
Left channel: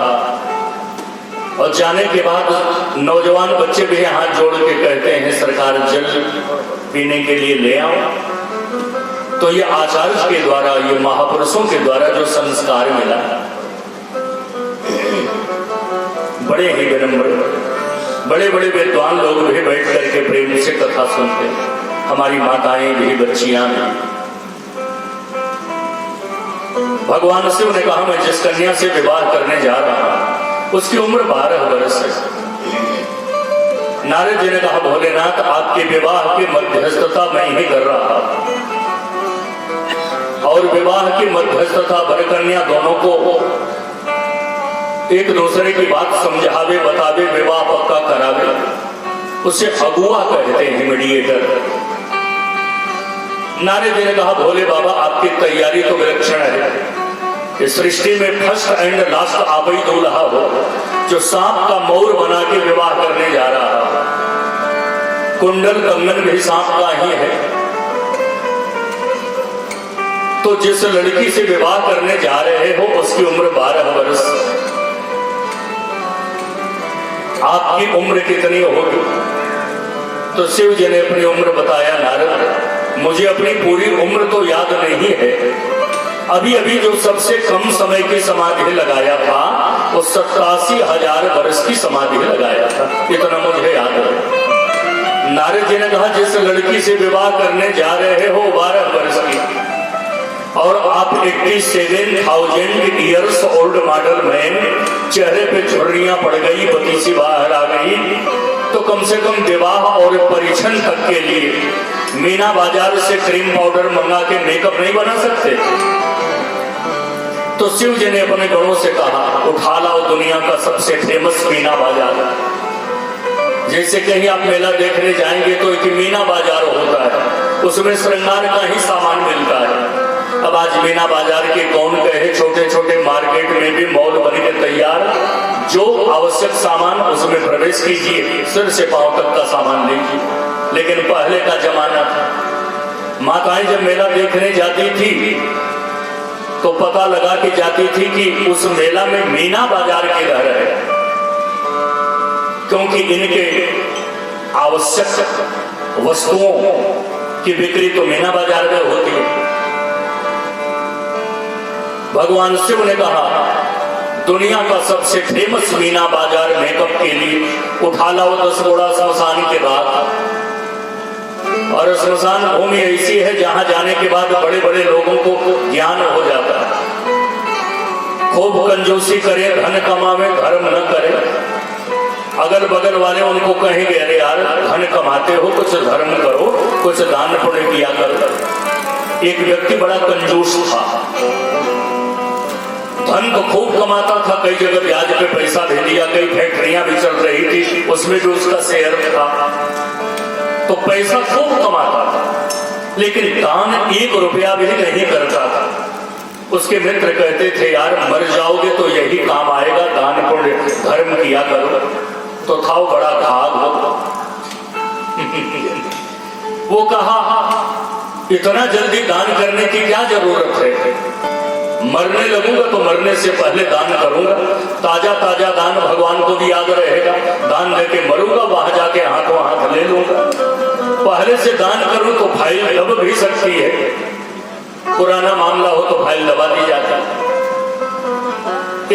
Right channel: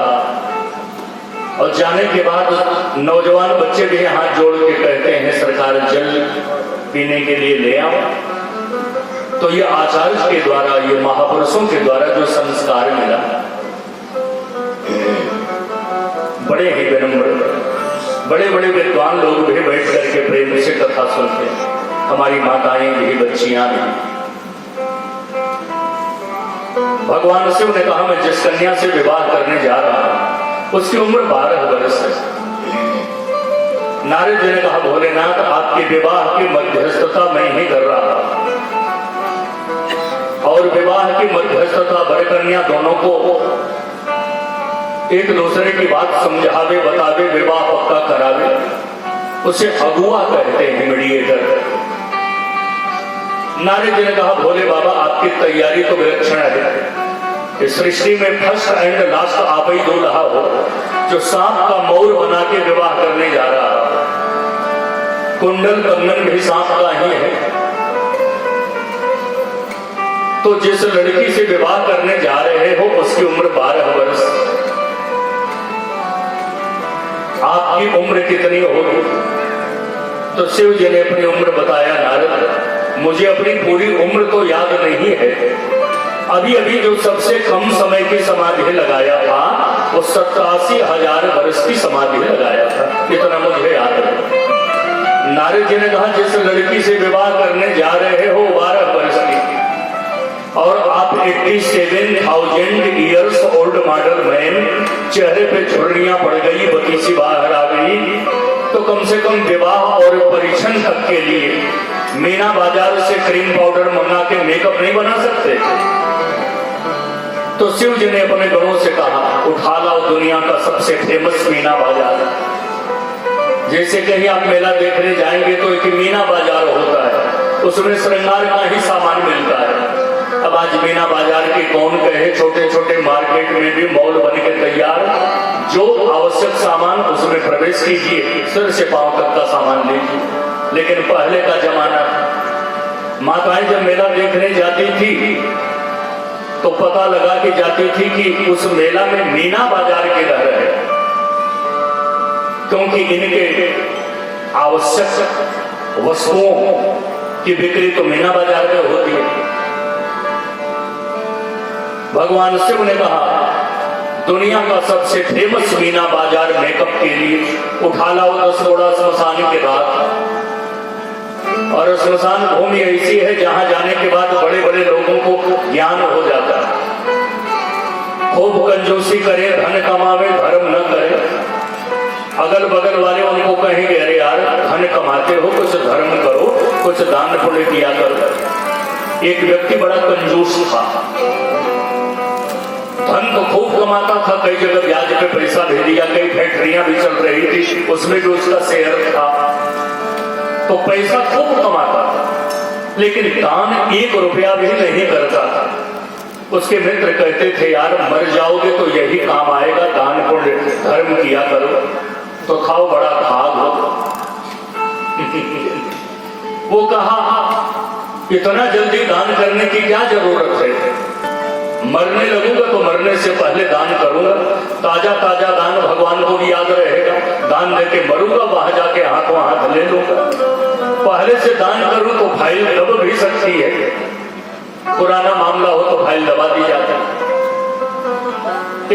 और जाने के बाद नौजवान बच्चे भी हाथ जोड़ के कहते हैं सरकार जल पीने के लिए ले आओ। तो यह आचार्य के द्वारा, ये महापुरुषों के द्वारा जो संस्कार मिला, बड़े ही विनम्र, बड़े बड़े विद्वान लोग भी बैठ करके प्रेम से कथा सुनते हैं। हमारी माताएं भी, बच्चियां भी। भगवान शिव ने कहा मैं जिस कन्या से विवाह करने जा रहा हूं उसकी उम्र 12 वर्ष है। नारद जी ने कहा भोलेनाथ आपके विवाह की मध्यस्थता मैं ही कर रहा हूं, और विवाह की मध्यस्थता वर कन्या दोनों को एक दूसरे की बात समझावे बतावे विवाह पक्का करावे, उसे अगुआ कहते हैं, मीडिएटर। नारद जी ने कहा भोले बाबा आपकी तैयारी तो विलक्षण है, इस सृष्टि में फर्स्ट एंड लास्ट आप ही दूल्हा हो जो सांप का मौर बना के विवाह करने जा रहा है। कुंडल कंगन भी सांप का ही है। तो जिस लड़की से विवाह करने जा रहे हो उसकी उम्र 12 वर्ष, आपकी उम्र कितनी होगी? तो शिव जी ने अपनी उम्र बताया, नारद मुझे अपनी पूरी उम्र तो याद नहीं है, अभी अभी जो सबसे कम समय की समाधि लगाया था वो 87,000 वर्ष की समाधि लगाया था, इतना मुझे याद है। नारद जी ने कहा जिस लड़की से विवाह करने जा रहे हो 12 वर्ष की और आप 87,000 ईयर्स ओल्ड मॉडल मैन, चेहरे पे झुर्रियां पड़ गई, पति सी बाहर आ गई, तो कम से कम विवाह और परीक्षण तक के लिए मीना बाजार से क्रीम पाउडर मंगा के मेकअप नहीं बना सकते? तो शिव जी ने अपने गणों से कहा उठा लाओ दुनिया का सबसे फेमस मीना बाजार। जैसे कहीं आप मेला देखने जाएंगे तो एक मीना बाजार होता है, उसमें श्रृंगार का ही सामान मिलता है। अब आज मीना बाजार के कौन कहे, छोटे छोटे मार्केट में भी मॉल बन के तैयार, जो आवश्यक सामान उसमें प्रवेश कीजिए, सिर से पांव तक का सामान लीजिए। लेकिन पहले का जमाना था, माताएं जब मेला देखने जाती थी तो पता लगा के जाती थी कि उस मेला में मीना बाजार के रह रहे, क्योंकि इनके आवश्यक वस्तुओं की बिक्री तो मीना बाजार में होती है। भगवान शिव ने कहा दुनिया का सबसे फेमस मीना बाजार मेकअप के लिए उठा लाओ 10 बोरा स्मशान के रात। और स्मशान भूमि ऐसी है जहां जाने के बाद बड़े बड़े लोगों को ज्ञान हो जाता है। खूब कंजूसी करे, धन कमावे, धर्म न करे। अगल बगल वाले उनको कहेंगे अरे यार धन कमाते हो, कुछ धर्म करो, कुछ दान पुण्य किया करो। एक व्यक्ति बड़ा कंजूस था, धन तो खूब कमाता था, कई जगह ब्याज पे पैसा भेज दिया, कई फैक्ट्रियां भी चल रही थी, उसमें भी उसका शेयर था, तो पैसा खूब कमाता था, लेकिन दान 1 रुपया भी नहीं करता था। उसके मित्र कहते थे यार मर जाओगे तो यही काम आएगा, दान पुण्य धर्म किया करो। तो था वो बड़ा भाग हो। वो कहा इतना जल्दी दान करने की क्या जरूरत है, मरने लगूंगा तो मरने से पहले दान करूंगा, ताजा ताजा दान भगवान को भी याद रहेगा, दान देके मरूंगा वहां जाके हाथों हाथ ले लूंगा। पहले से दान करूं तो फाइल दब भी सकती है, पुराना मामला हो तो फाइल दबा दी जाती।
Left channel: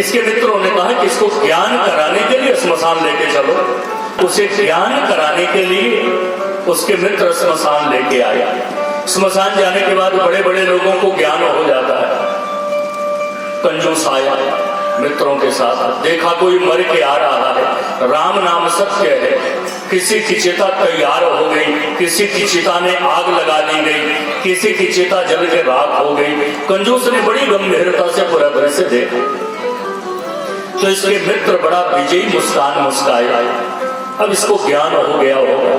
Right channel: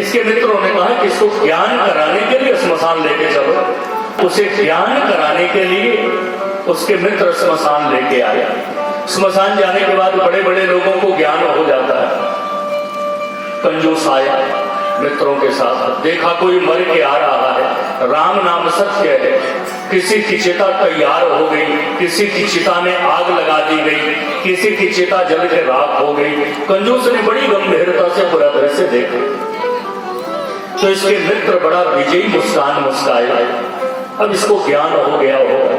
इसके मित्रों ने कहा कि इसको ज्ञान कराने के लिए श्मशान लेके चलो। उसे ज्ञान कराने के लिए उसके मित्र श्मशान लेके आया। श्मशान जाने के बाद बड़े बड़े लोगों को ज्ञान हो जाता है। कंजूस आया मित्रों के साथ, देखा कोई मर के आ रहा है, राम नाम सत्य है, किसी की चिता तैयार हो गई, किसी की चिता में आग लगा दी गई, किसी की चिता जल के राख हो गई। कंजूस ने बड़ी गंभीरता से पूरा दृश्य देखा, तो इसके मित्र बड़ा विजयी मुस्कान मुस्काए। अब इसको ज्ञान हो गया होगा,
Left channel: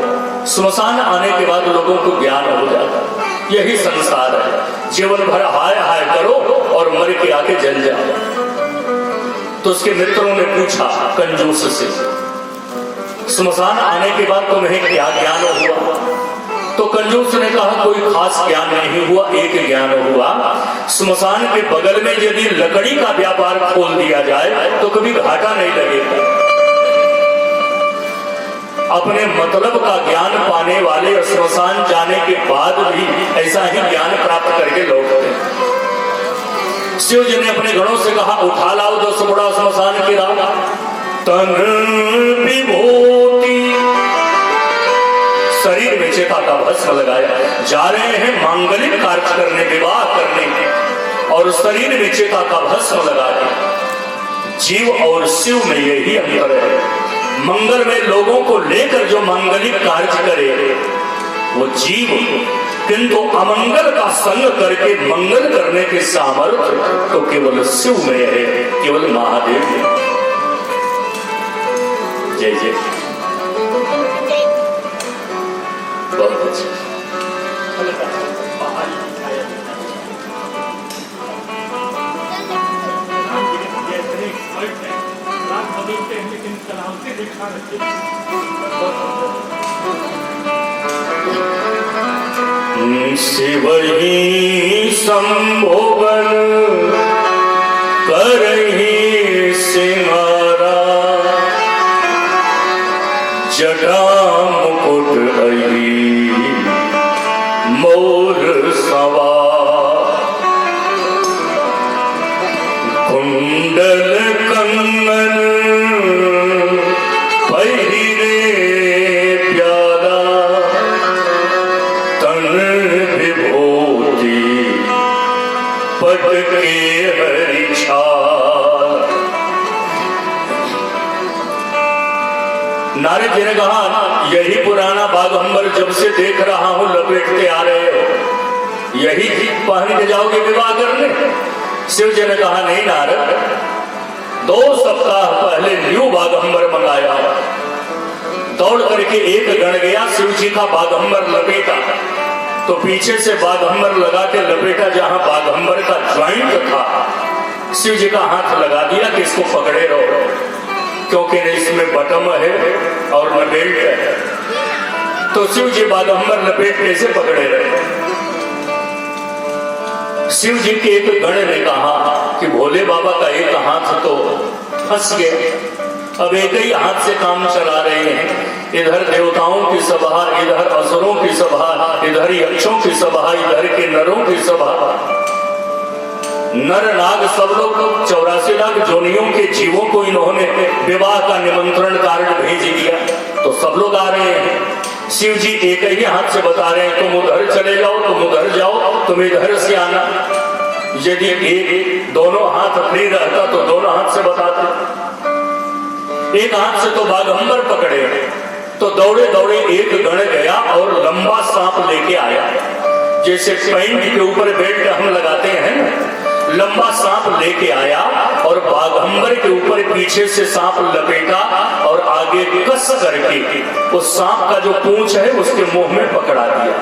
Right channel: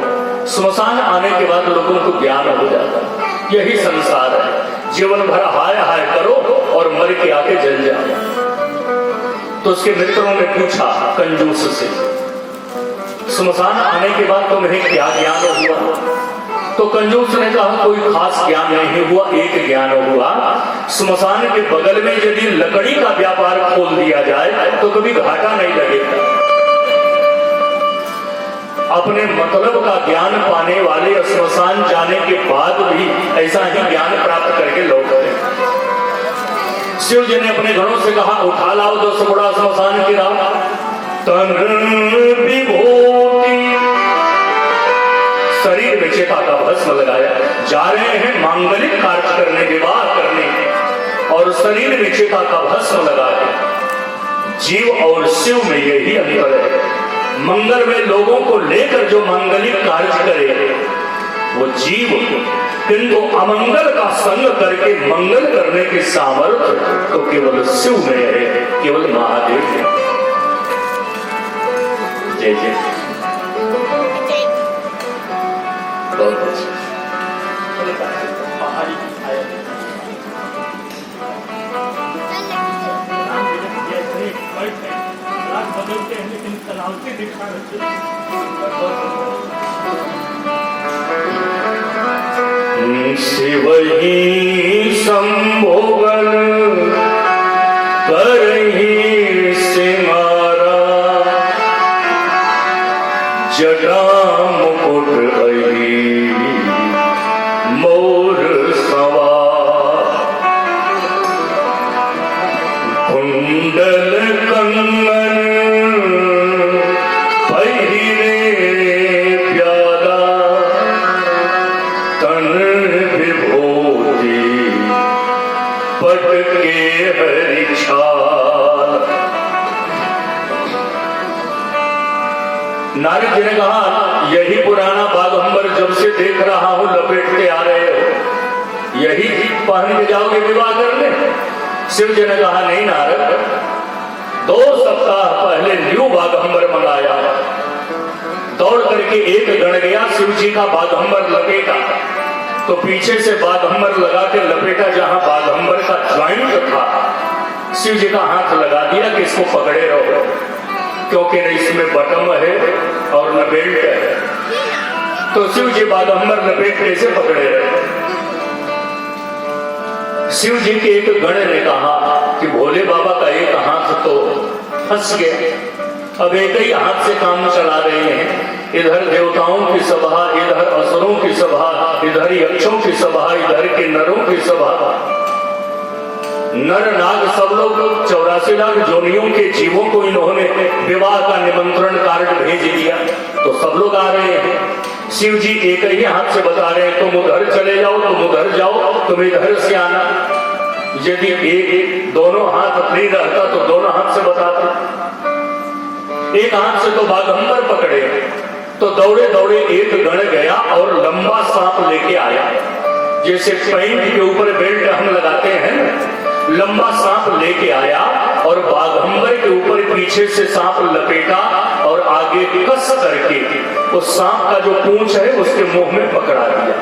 श्मशान आने के बाद लोगों को ज्ञान हो जाता, यही संसार है, जीवन भर हाय हाय करो और मर के आके जल जाओ। तो उसके मित्रों ने पूछा कंजूस से श्मशान आने के बाद तुम्हें क्या ज्ञान हुआ? तो कंजूस ने कहा कोई खास ज्ञान नहीं हुआ, एक ज्ञान हुआ, श्मशान के बगल में यदि लकड़ी का व्यापार खोल दिया जाए तो कभी घाटा नहीं लगेगा। अपने मतलब का ज्ञान पाने वाले श्मशान जाने के बाद भी ऐसा ही ज्ञान प्राप्त करके लौटते हैं। शिव जी ने अपने गणों से कहा उठा लाओ 10 बोरा श्मशान की रात। तन विभूति शरीर में चेता का भस्म लगाया, जा रहे हैं मांगलिक कार्य करने, विवाह करने, और शरीर में चेता का भस्म लगाया। जीव और शिव में यही अंतर है। मंगल में लोगों को लेकर जो मांगलिक कार्य करे वो जीव, किंतु अमंगल का संग करके मंगल करने के सामर्थ्य तो केवल शिव में है, केवल महादेव में। जय जय बहुत अच्छा बदलते हैं लेकिन तनावते दिखा रहे शिव ही संभोगन करही सिंगारा जटा मुकुट अही मोर सवार कुंडल कंगन पहिरे प्याला तन विभूति पटके हरिछाल। नारद जी ने कहा यही पुराना बागंबर जब से देख रहा हूं लपेटते आ रहे हो, यही पहन के जाओगे विवाह करने? शिव जी ने कहा नहीं नारद, 2 सप्ताह पहले न्यू बागंबर मंगाया, दौड़ करके एक गण गया, शिव जी का बागंबर लपेटा तो पीछे से बागंबर लगा के लपेटा, जहां बागंबर का ज्वाइंट था शिव जी का हाथ लगा दिया कि इसको पकड़े रहो, क्योंकि न इसमें बटम है और न बेल्ट है। तो शिव जी बागंबर लपेट कैसे पकड़े रहे? शिव जी के एक गण ने कहा कि भोले बाबा का एक हाथ तो फंस गया, अब एक ही हाथ से काम चला रहे हैं, इधर देवताओं की सभा, इधर असुरों की सभा, इधर यक्षों की सभा, इधर के नरों की सभा, नर नाग सब लोग 84 लाख जोनियों के जीवों को इन्होंने विवाह का निमंत्रण कार्ड भेज दिया, तो सब लोग आ रहे हैं। शिव जी एक ही हाथ से बता रहे हैं तुम उधर चले जाओ, तुम उधर जाओ, तुम इधर से आना। यदि एक दोनों हाथ फ्री रहता तो दोनों हाथ से बताते, एक हाथ से तो बागंबर पकड़े, तो दौड़े दौड़े एक गण गया और लंबा सांप लेके आया, जैसे पैंट के ऊपर बेल्ट हम लगाते हैं, लंबा सांप लेके आया और बागंबर के ऊपर पीछे से सांप लपेटा और आगे कस करके उस सांप का जो पूंछ है उसके मुंह में पकड़ा दिया।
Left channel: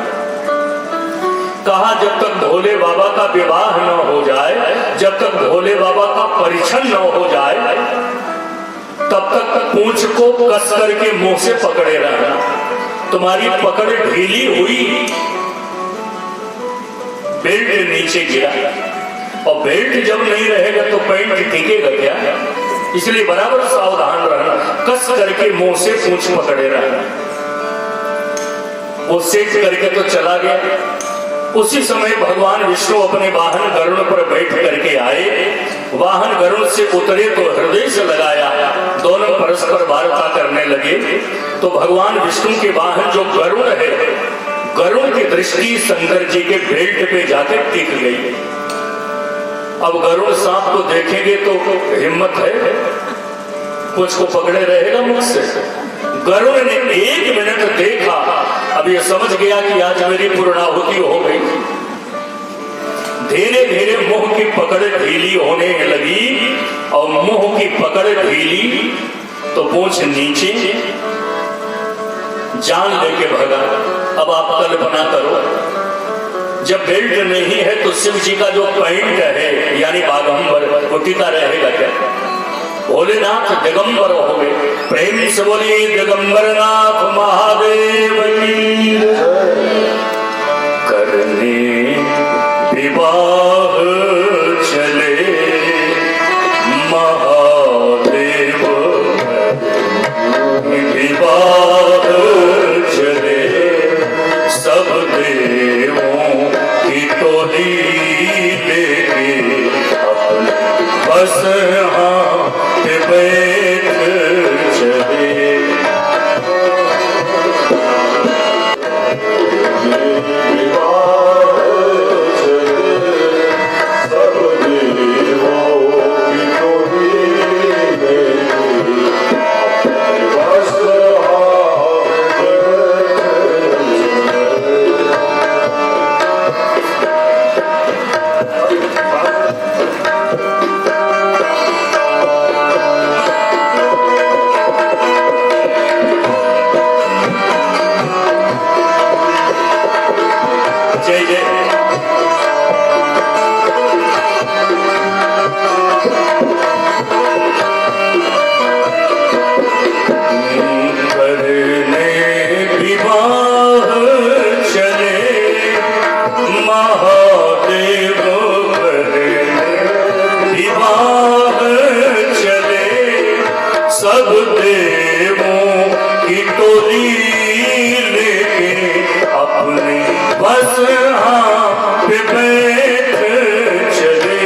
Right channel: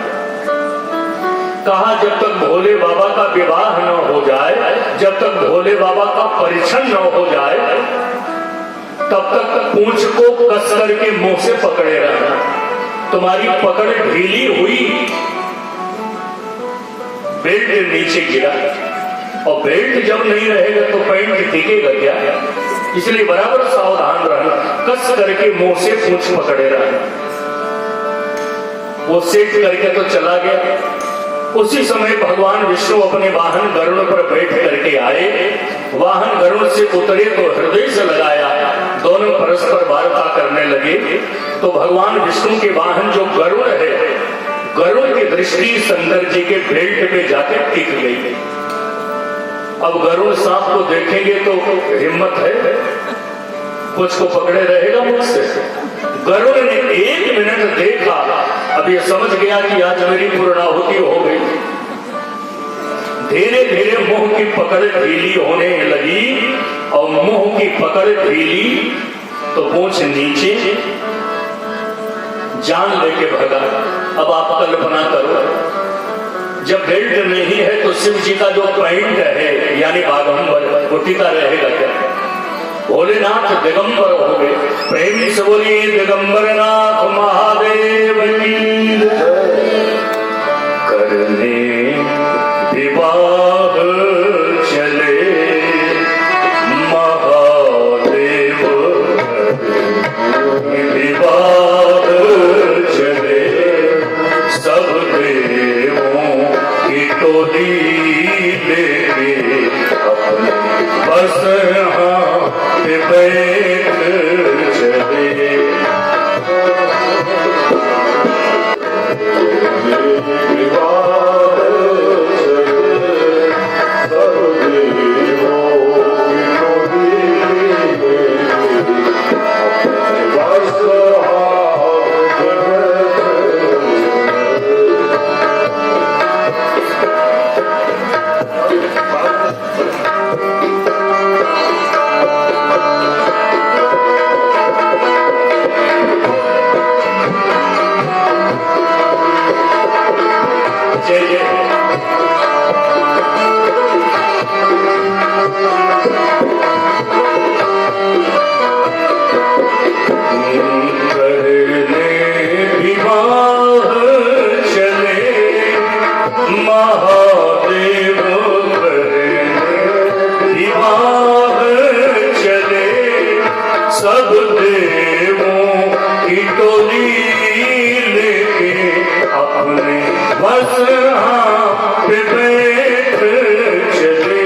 कहा जब तक भोले बाबा का विवाह न हो जाए, जब तक भोले बाबा का परिछन न हो जाए, तब तक पूंछ को कस करके मुंह से पकड़े रहना। तुम्हारी पकड़ ढीली हुई, बेल्ट नीचे गिरा, और बेल्ट जब नहीं रहेगा तो पैंट टिकेगा क्या? इसलिए बराबर सावधान रहना, कस करके मुंह से पूंछ पकड़े रहना। वो सेट करके तो चला गया। उसी समय भगवान विष्णु अपने वाहन गरुड़ पर बैठ करके आए, वाहन गरुड़ से उतरे तो हृदय से लगाया, दोनों परस्पर वार्ता करने लगे। तो भगवान विष्णु के वाहन जो गरुड़ है, गरुड़ की दृष्टि शंकर जी के बेल्ट पे जाके टिक गई। अब गरुड़ सांप को देखेंगे तो हिम्मत है, कुछ को पकड़े रहेगा मुझसे? गरुड़ ने 1 मिनट देखा, अब ये समझ गया कि आज मेरी पूर्णाहुति हो गई। धीरे धीरे मुंह की पकड़ ढीली होने लगी, और मुंह की पकड़ ढीली तो पूंछ नीचे, जान लेके भगा। अब आप कल्पना करो, जब बेल्ट नहीं है तो शिव जी का जो पैंट है यानी बागंबर, वो टिका रहेगा क्या? भोलेनाथ दिगंबर हो गए। प्रेम से बोलिए दिगंबर नाथ महादेव की। करने विवाह चले महादेव, विवाह चले सब देवों की टोली लेके अपने बस हाथ बैठ चले। करने विवाह चले महादेव करने विवाह चले सब देवों की टोली लेके अपने बस पे बैठ चले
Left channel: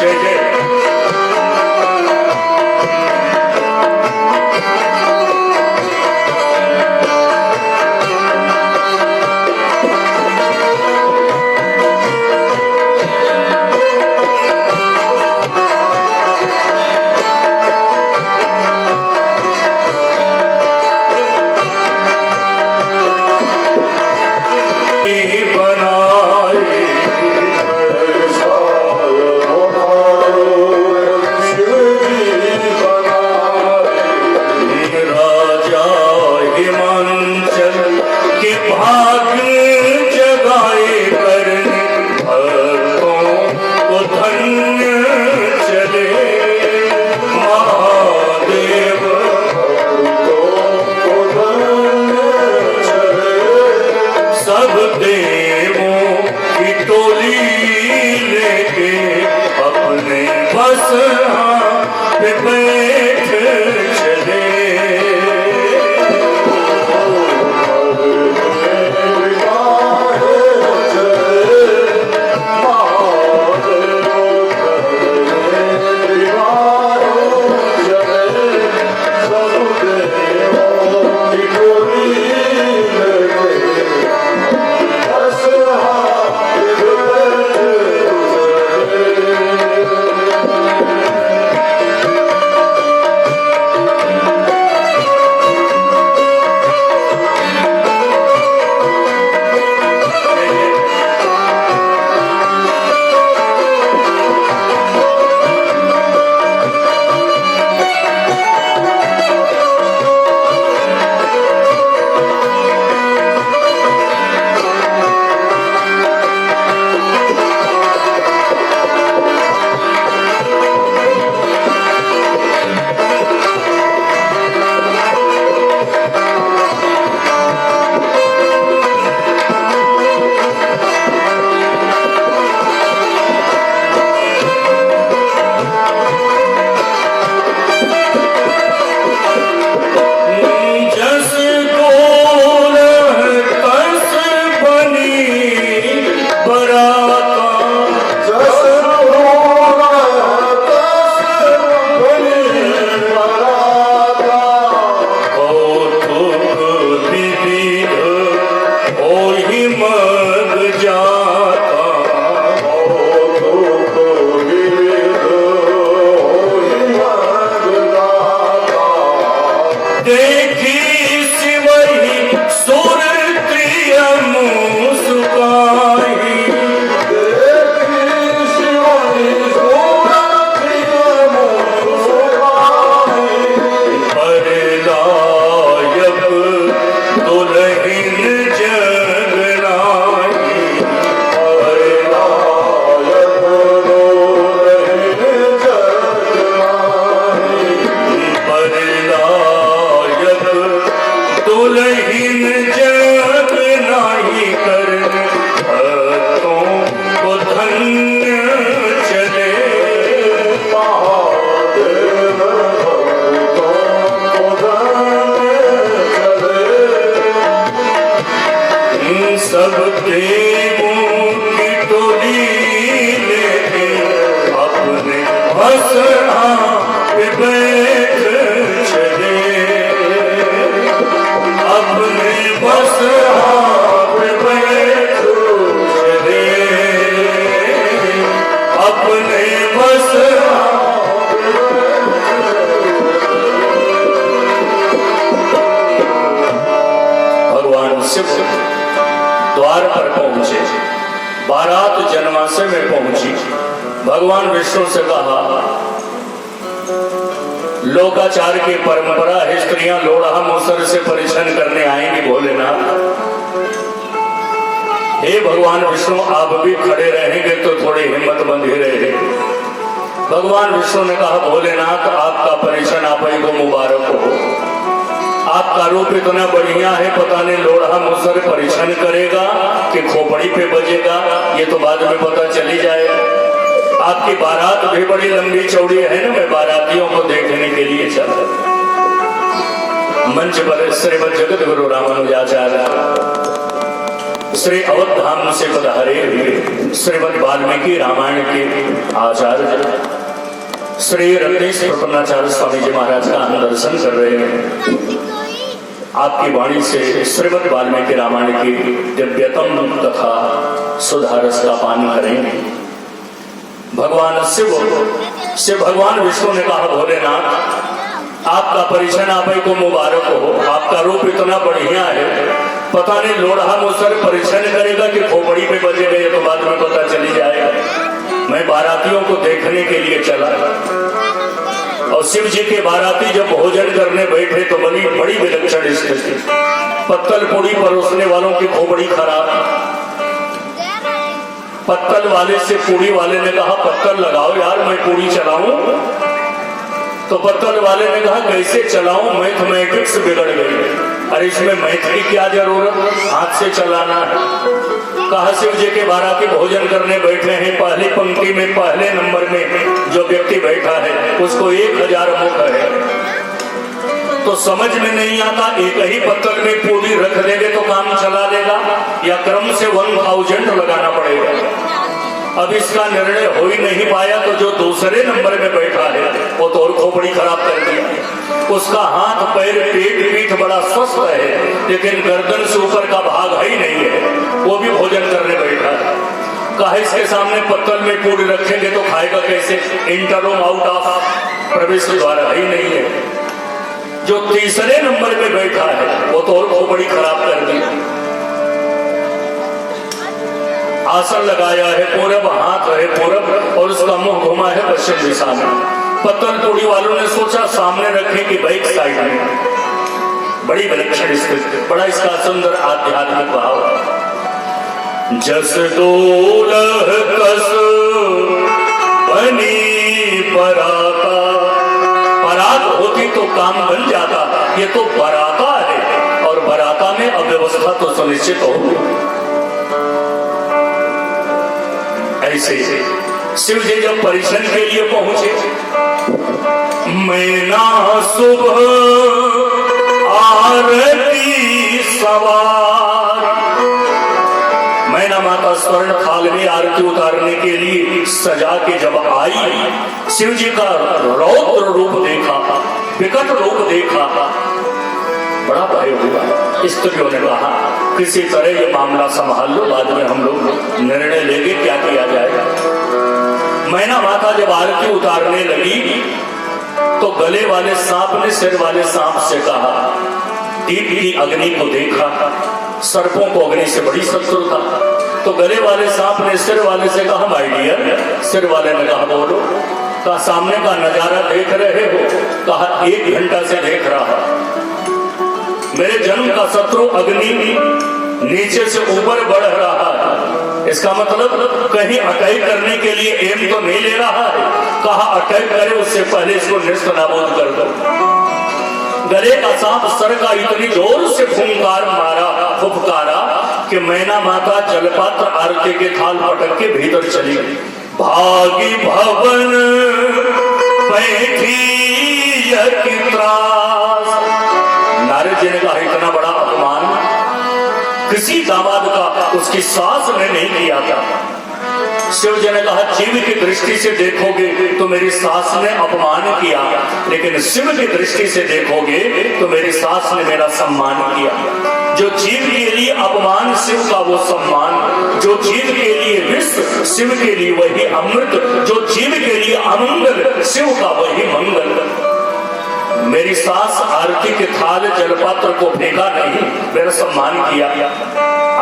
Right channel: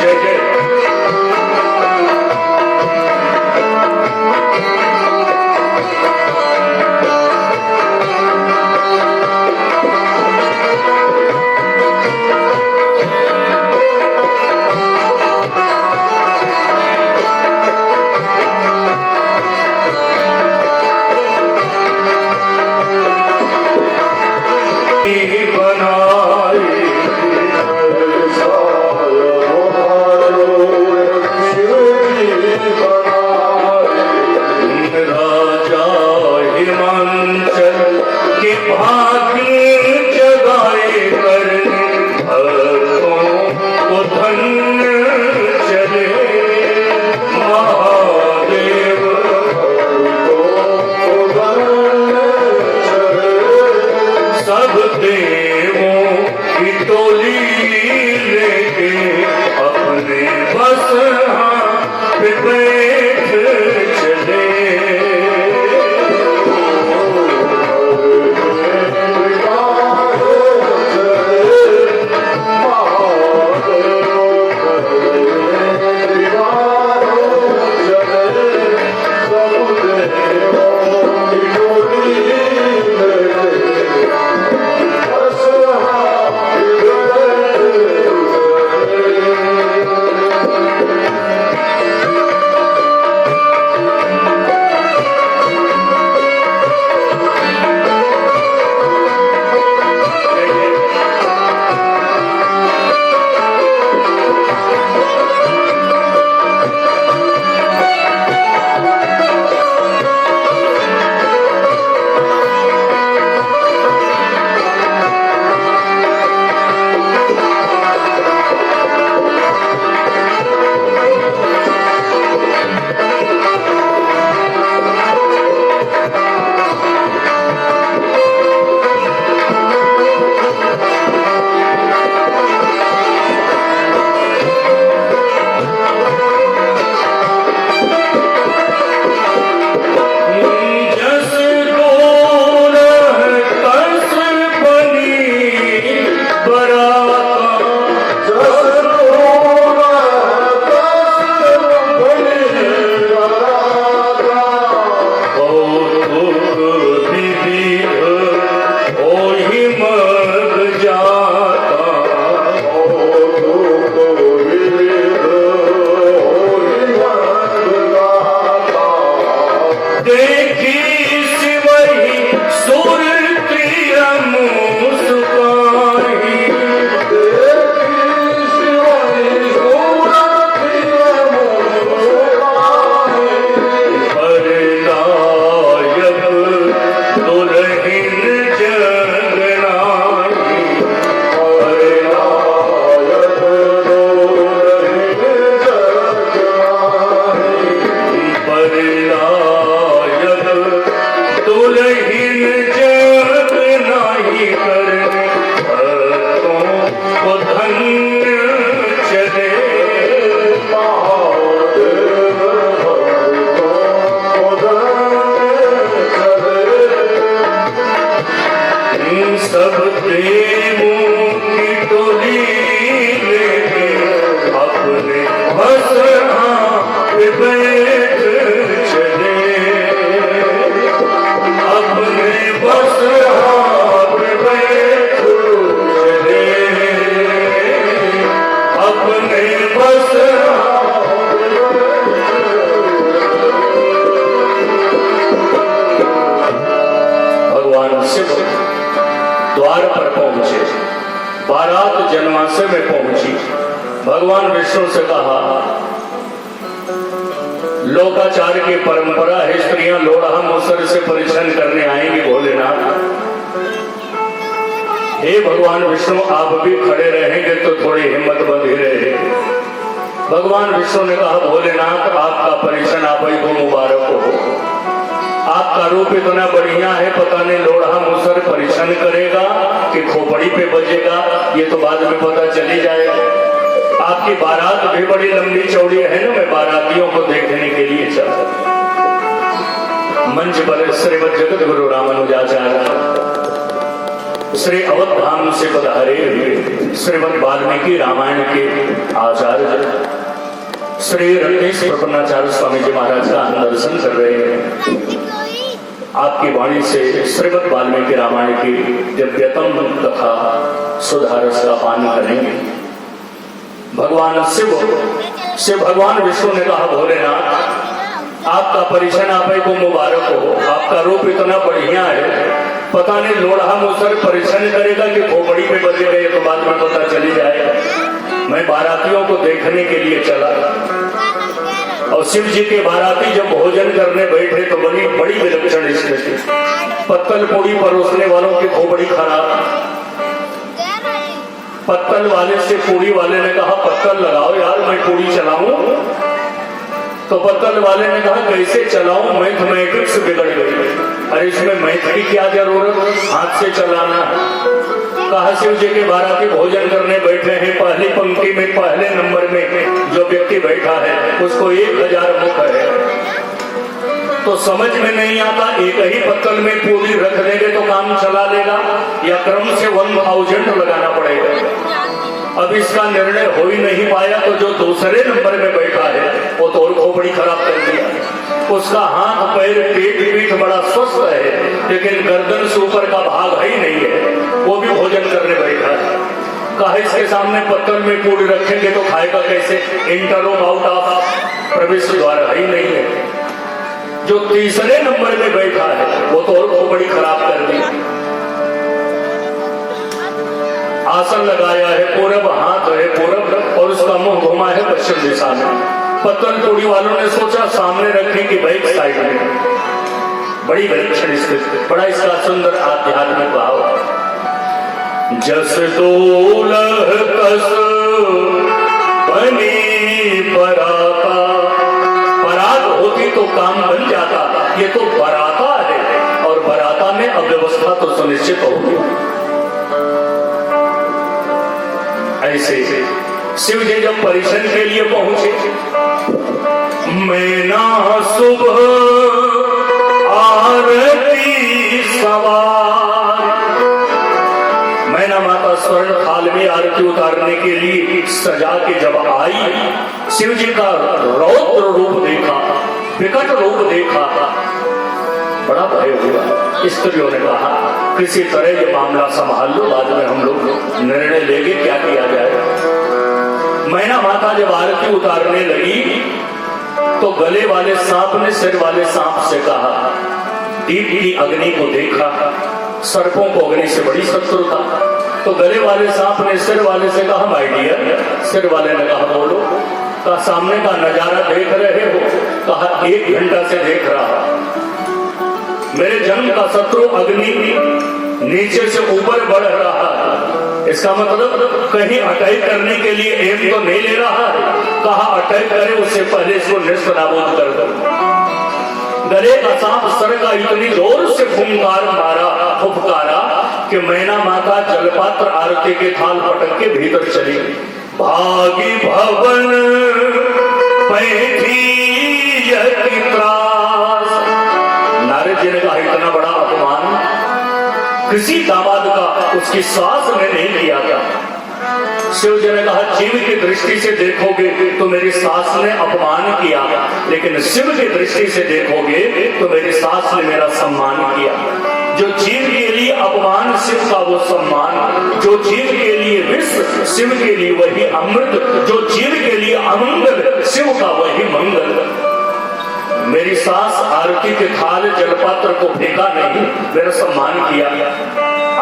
जय जय राजा हिमांचल के भाग्य जगाए करने भक्तों को धन्य चले महादेव सब देवों की टोली लेके अपने बस पे बैठ चले सब देवों की टोली लेके अपने बस पे बैठ चले, अपने बस पे बैठ बारात जन्माशय में पहुंची। भगवान विष्णु से कहा, लोकाचार की परंपरा है, स्त्रियां लोढ़ा मुसर से परिछन करने आएंगी भोलेनाथ। हे भगवान विष्णु, आप भी खड़े रहेंगे तो थोड़ी हिम्मत बंधी रहे। भगवान विष्णु ने कहा, भोलेनाथ आपका परिछन आप ही को मुबारक हो। आपका रूप इतना बढ़िया है, पता नहीं लोढ़ा मुसर परिछन करेगा कि खोपड़ी पे बजेगा, ये तो बाद में पता चली जाएगा। आपकी बारात भी बड़ी लंबी चौड़ी है ना, मैं बारातियों को देखने के लिए चला। मंच पर श्रीमद जगत गुरु रामानुजाचार्य श्री अवध धाम से पधारे हुए श्रीमद वाल्मीकि रामायण के आचार्य श्री रत्नेश प्रपन्नाचार्य स्वामी जी महाराज का हम दर्शन कर रहे हैं। आपकी वाणी से श्रीमद वाल्मीकि रामायण की दिव्यतम कथा सुधारस का पान करेंगे। भगवान शिव भगवान विष्णु ने कहा, भोलेनाथ आपका परिछन आप ही को मुबारक हो। आपका रूप इतना बढ़िया है, पता नहीं लोढ़ा मुसर परिछन करेगा कि खोपड़ी पे बजेगा, ये तो बाद में पता चली जाएगा। मैं बारातियों को देखने के लिए चला और शिव जी के बाराती जब भोजन करने बैठे तो बड़ी विलक्षण स्थिति। पत्तल पूड़ी परोसने वालों की खोपड़ी खराब। पत्तल वाले से पूड़ी वाले ने कहा, पत्तल लगाओ यार, मैं पूड़ी चलाऊं। तो पत्तल वाले ने कहा, कैसे चलाऊं, मैथमेटिक्स बिगड़ गई। अरे इसमें मैथ की क्या जरूरत, हाथ से चलाना है। कहा, शिव जी के बाराती भोजन करने बैठे हैं, पहली पंक्ति में पहले नंबर में जो व्यक्ति बैठा है उसको 1000 मुख है। तो समझ में नहीं आता, एक ही पत्तल में पूरी रख देंगे तो काम चला लेगा या क्रम से 1000 लगाना पड़ेगा। अब इसका निर्णय हो ही नहीं पाया, तो जो दूसरे नंबर में बैठा है वो तो और खोपड़ी खराब कर दिया। उसका हाथ पैर पेट पीठ बड़ा स्वस्थ है, लेकिन गर्दन से ऊपर का भाग है ही नहीं है, वो भी भोजन करने बैठा है। कहा, इसके सामने पत्तल में पूरी रखेंगे तो खाएगा कैसे, इंटरम आउट ऑफ प्रवेश द्वार ही नहीं है। जो तीसरे नंबर में बैठा है वो तो और खोपड़ी खराब कर दी। आसन लगाया है पूरब, हाथ है पूरब और उसका मुंह घुमा है पश्चिम दिशा में। पत्तल पूड़ी वालों ने सोचा सामने रखेंगे बैक साइड में। बड़ी विलक्षण स्थिति, बड़ा इसका सुंदर आध्यात्मिक भाव। जस दोलह कस बनी पराता, परात होती तो काम बन जाता, ये तो बराता है और बराता में अव्यवस्था तो सुनिश्चित होगी। ऐसे शिव जी जब परिछन के लिए पहुंचे, मैना सुबह आरती सवार, मैना माता स्वर्ण थाल में आरती उतारने के लिए सजा के जब आई, शिव जी का रौद्र रूप देखा, विकट रूप देखा, बड़ा भय हुआ। स्त्रियों ने कहा, किसी तरह ये मामला संभाल लो, बाद में हम लोग निर्णय लेंगे क्या किया जाएगा। मैना माता जब आरती उतारने लगी तो गले वाले सांप ने सिर वाले सांप से कहा, दीप की अग्नि को देखा, सर्पों को अग्नि से बड़ी शत्रुता। तो गले वाले सांप ने सिर वाले से कहा, माय डियर। सिर वाले ने कहा, बोलो। कहा, सामने का नजारा देख रहे हो? कहा, 1 घंटा से देख रहा हूं। मेरे जन्म का शत्रु अग्नि नीचे से ऊपर बढ़ रहा है, इसका मतलब कहीं अटैक करने के लिए एम तो नहीं ले रहा है। कहा, अटैक करे उससे पहले इसको निष्ठ नाबूद कर दो। गले का सांप सर का इतनी जोर से फुफकारा कि मैना माता जलपात्र आरती के थाल पटक के भीतर चली। भागी भवन पैठी यति त्रास, नारद जी ने कहा, इतना बड़ा अपमान किसी दामाद का उसकी सास ने नहीं किया क्या? शिव जी ने कहा, जीव की दृष्टि से देखोगे तो मेरी सास ने अपमान किया, लेकिन शिव की दृष्टि से देखोगे तो मेरी सास ने मेरा सम्मान किया। जो जीव के लिए अपमान शिव का वो सम्मान, जो जीव के लिए विष शिव के लिए वही अमृत, जो जीव के लिए अमंगल शिव का वही मंगल। मेरी सास आरती के थाल जलपात्र को फेंका नहीं, मेरा सम्मान किया।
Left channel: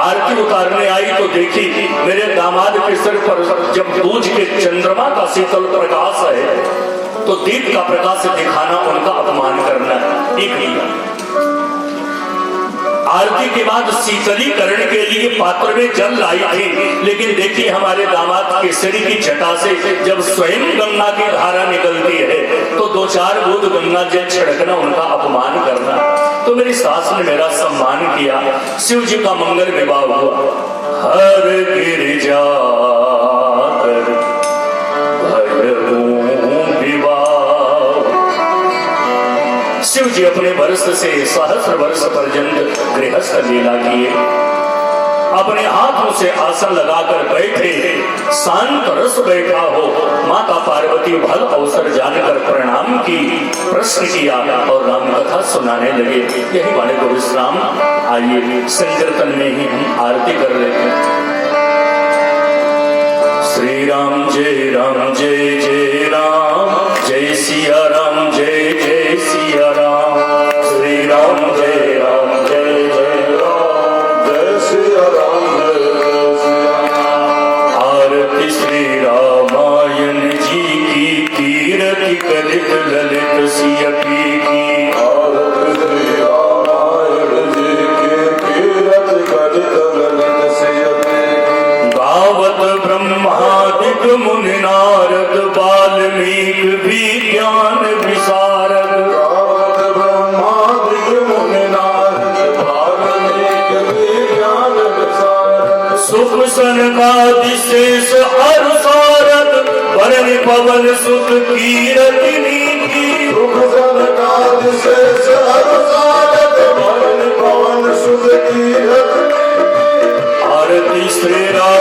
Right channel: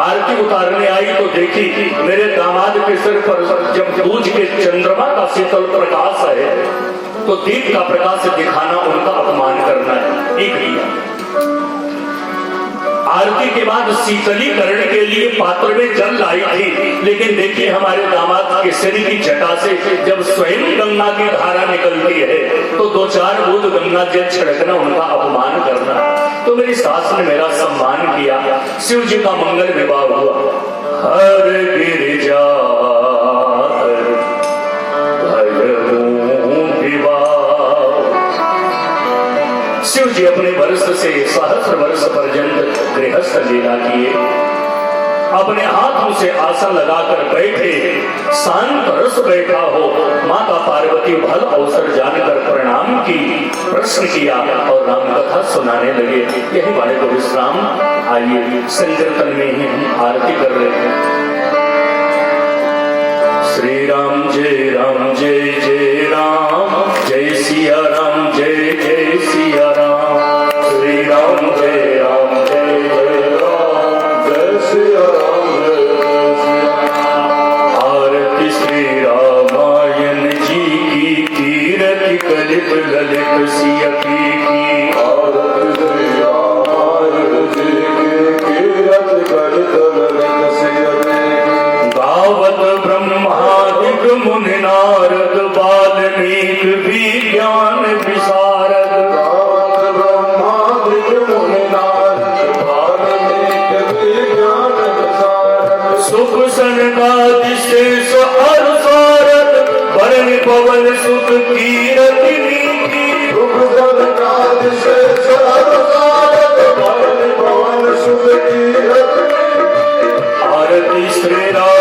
आरती उतारने आई तो देखी मेरे दामाद सिर पर जब दूज के चंद्रमा का शीतल प्रकाश है तो दीप का प्रकाश दिखाना उनका अपमान करना है। एक किया आरती के बाद शीतलीकरण के लिए पात्र में जल लाई थी, लेकिन देखिए हमारे दामाद केसरी की जटा से जब स्वयं गंगा की धारा निकलती है तो 2-4 बूंद गंगा जल छिड़कना उनका अपमान करना। तो मेरी सास ने मेरा सम्मान किया, शिव जी का मंगल विवाह हुआ। हर गिरिजा शिव जी अपने वर्ष से सहस्र वर्ष पर्यंत गृहस्थ लीला किए, अपने हाथों से आसन लगाकर बैठे, शांत रस बैठा हो। माता पार्वती भल अवसर जानकर प्रणाम की, प्रश्न किया और राम कथा सुनाने लगे। यही वाले को विश्राम। आइए संकीर्तन में ही हम आरती कर रहे हैं। श्री राम जय राम जय जय राम, जय सिया राम जय जय सिया राम। श्री राम जय राम जय जय राम, जय सिया राम जय सिया राम। आरती श्री रामायण जी की, कीरति कलित ललित सिया की। आरती श्री रामायण जी की, कीरति कलित ललित सिया की। गावत ब्रह्मादिक मुनि नारद, वाल्मीकि विज्ञान विशारद। गावत ब्रह्मादिक मुनि नारद, वाल्मीकि विज्ञान विशारद। सुख सनकादि शेष हर सारद, वरण पवन सुख कीरति नीकी। सुख सनकादि शेष हर सारद, वरण पवन सुख कीरति नीकी। आरती श्री राम